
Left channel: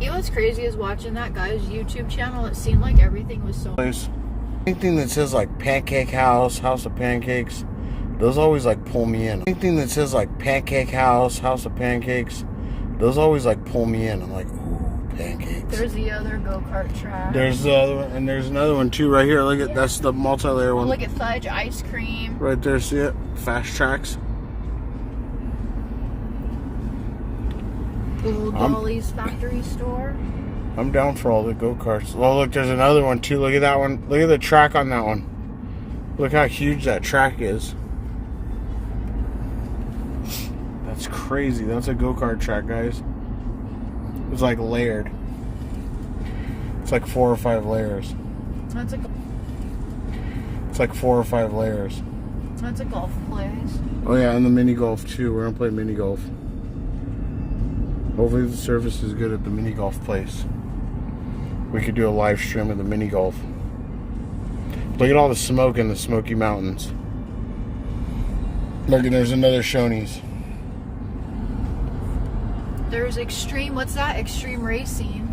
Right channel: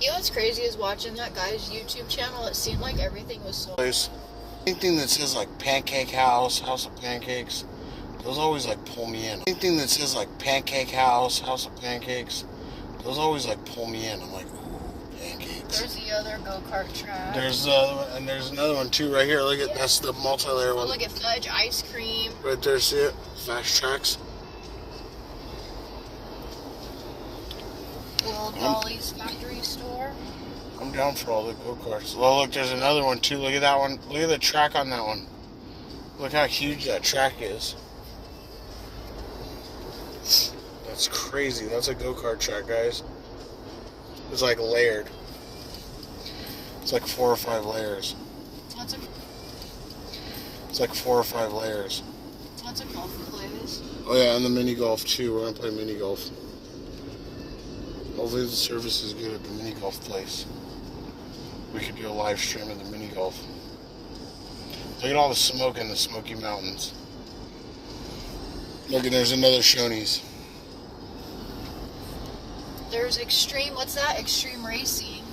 You know what's crazy is watching that guy's YouTube channel. It seemed like everything was so. Place. Anything that says like Pancake House, House of Pancakes, those always like pull me in. Anything that says like Pancake House, House of Pancakes, those always like pull me in. I'm like, ooh, pancakes. There's the other go-kart track. There's the other one, and there's another one too right here. Look at that's the multi-layer Oh, one look at Fudge Ice Cream. right there. See it? Fast Tracks. Old Dolly's Factory Store. I'm down for all the go-karts. Oh, look, there's another one too. Look at that one. Look at the track on that one. Look how huge that track is. That's crazy. That's a go-kart track, guys. It's like layered. It's like 4 or 5 layers. That's a It's like 4 or 5 layers. golf place. Oh yeah, and the mini golf too. We're gonna play mini golf. Hopefully the service is good at the mini golf place. We could do a live stream of the mini golf. Look at all the smoke in the Smoky Mountains. Look, and there's another Shoney's. There's Extreme. What's that? Extreme Racing.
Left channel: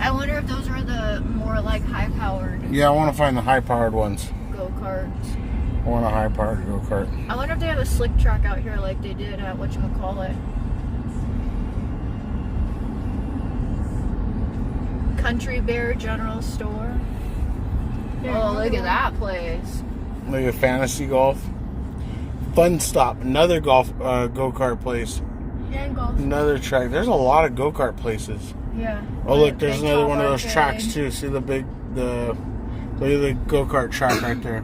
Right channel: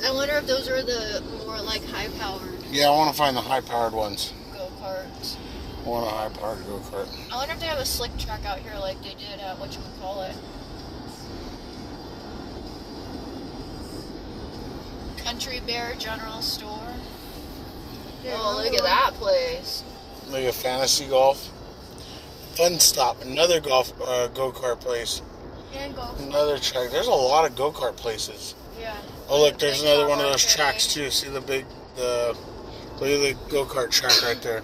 I wonder if those are the more like high-powered Yeah, I want to find the high-powered ones. go-karts. I want a high-powered go-kart. I wonder if they have a slick track out here like they did at whatchamacallit. Country Bear General Store. Yeah, Oh, look at that place. Look at Fantasy Golf. Fun Stop, another golf go-kart place. And golf. Another track. There's a lot of go-kart places. Yeah. Oh, look, there's Big another one of go-kart those tracks train. too. See look at the go-kart track right there.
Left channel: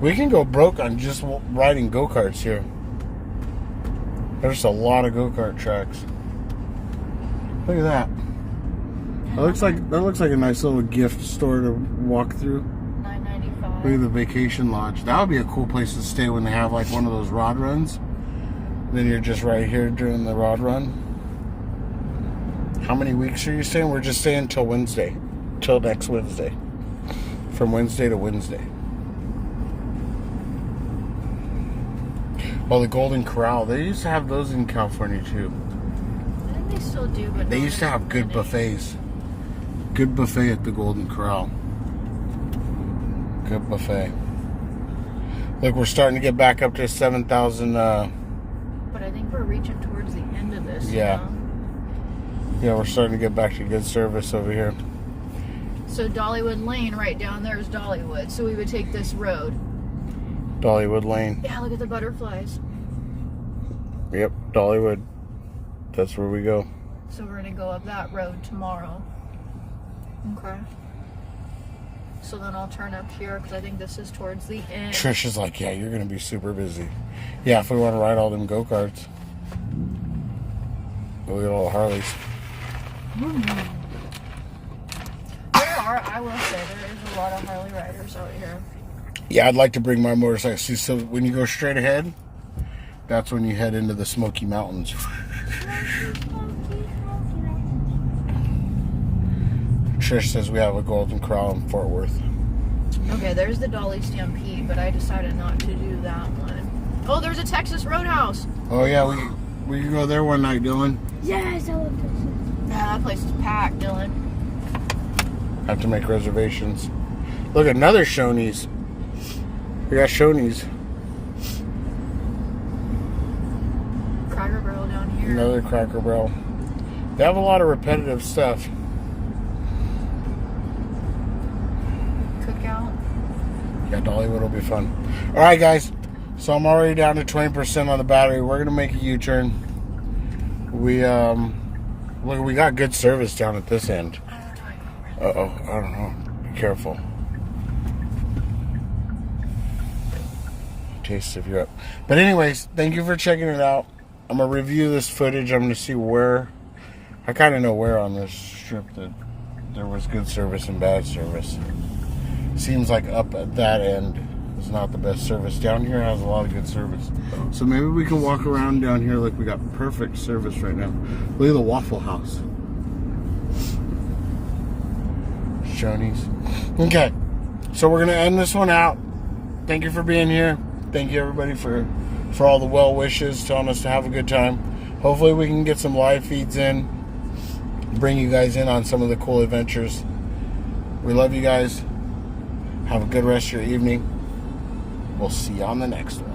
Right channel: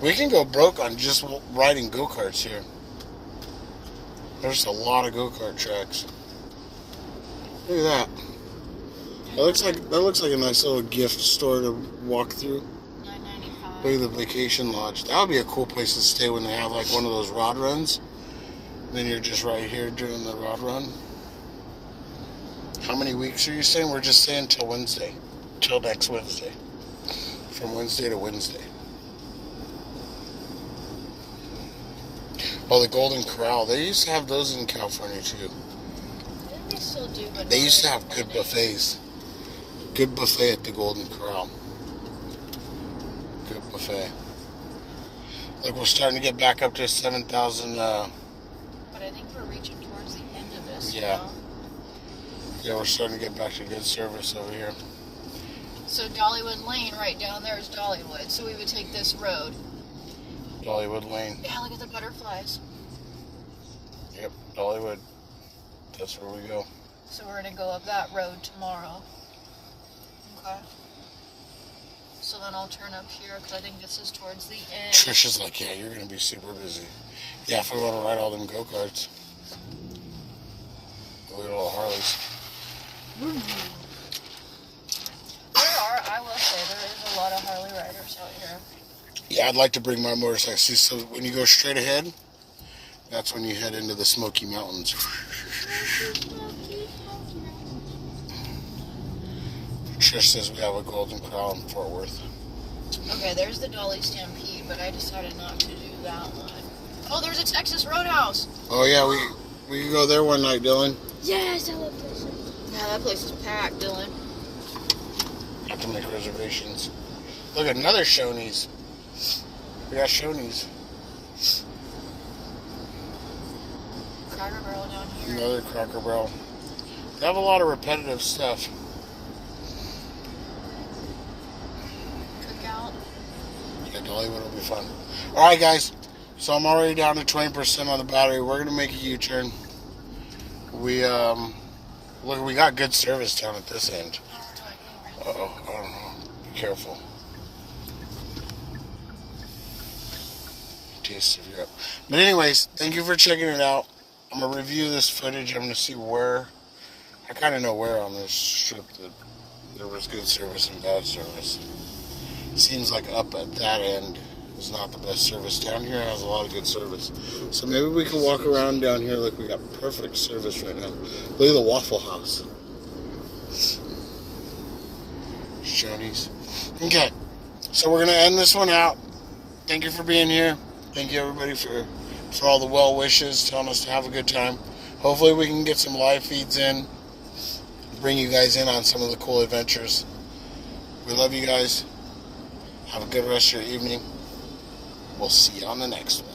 We can go broke on just riding go-karts here. There's a lot of go-kart tracks. Look at that. That looks like a nice little gift store to walk through. $9.95. Look at the vacation lodge. That would be a cool place to stay when they have like one of those rod runs. Then you're just right here during the rod run. How many weeks are you staying? We're just staying till Wednesday. Till next Wednesday. From Wednesday to Wednesday. Oh, the Golden Corral. They used to have those in California too. I think they still do, but They not used to as have good many. buffets. Good buffet at the Golden Corral. Good buffet. Look, we're starting to get back up to 7,000. But I think we're reaching towards the end of this. Yeah. Now. Yeah, we're starting to get back to good service over here. So Dollywood Lane right down there is Dollywood. So we would take this road. Dollywood Lane. Yeah, look at the butterflies. Yep, Dollywood. That's where we go. So we're gonna go up that road tomorrow. Okay. So then I'll turn up here because I think this is towards the end. Trish is like, yeah, you're going to be super busy. Yeah, if we want to ride all them go-karts. Look at all the Harleys. I will say, there is a lot of Harley riders out here. Yeah, I'd like to bring my motorcycle. See, so when you go straight ahead, that's when you head into the Smoky Mountains. Trish says we have a Golden Corral in Fort Worth. Okay, there's the Dolly Stampede, but I decided not to do that one. Oh, there's a Texas Roadhouse. Oh yeah, we can go there one night, Dylan. Yes, I love this. Yeah, that place is packed, Dylan. Have to make reservations. Look, another Shoney's. We got Shoney's. Cracker Barrel down here. Another Cracker Barrel. They have a lot of repetitive stuff. Cookout. Yeah, Dollywood will be fun. All right, guys. So I'm already down to 20% on the battery. We're gonna make a U-turn. We look, we got good service down at this end. Uh-oh, I don't know. Be careful. Taste of Europe. But anyways, thank you for checking it out. I'm gonna review this footage. I'm gonna see where. I kind of know where on this strip that there was good service and bad service. Seems like up at that end is not the best service. Down here has a lot of good service. So maybe we can walk around down here like we got perfect service right now. Look at the Waffle House. Shoney's. Okay, so we're gonna end this one out. Thank you for being here. Thank you everybody for all the well wishes, telling us to have a good time. Hopefully we can get some live feeds in, bring you guys in on some of the cool adventures. We love you guys. Have a good rest of your evening. We'll see you on the next one.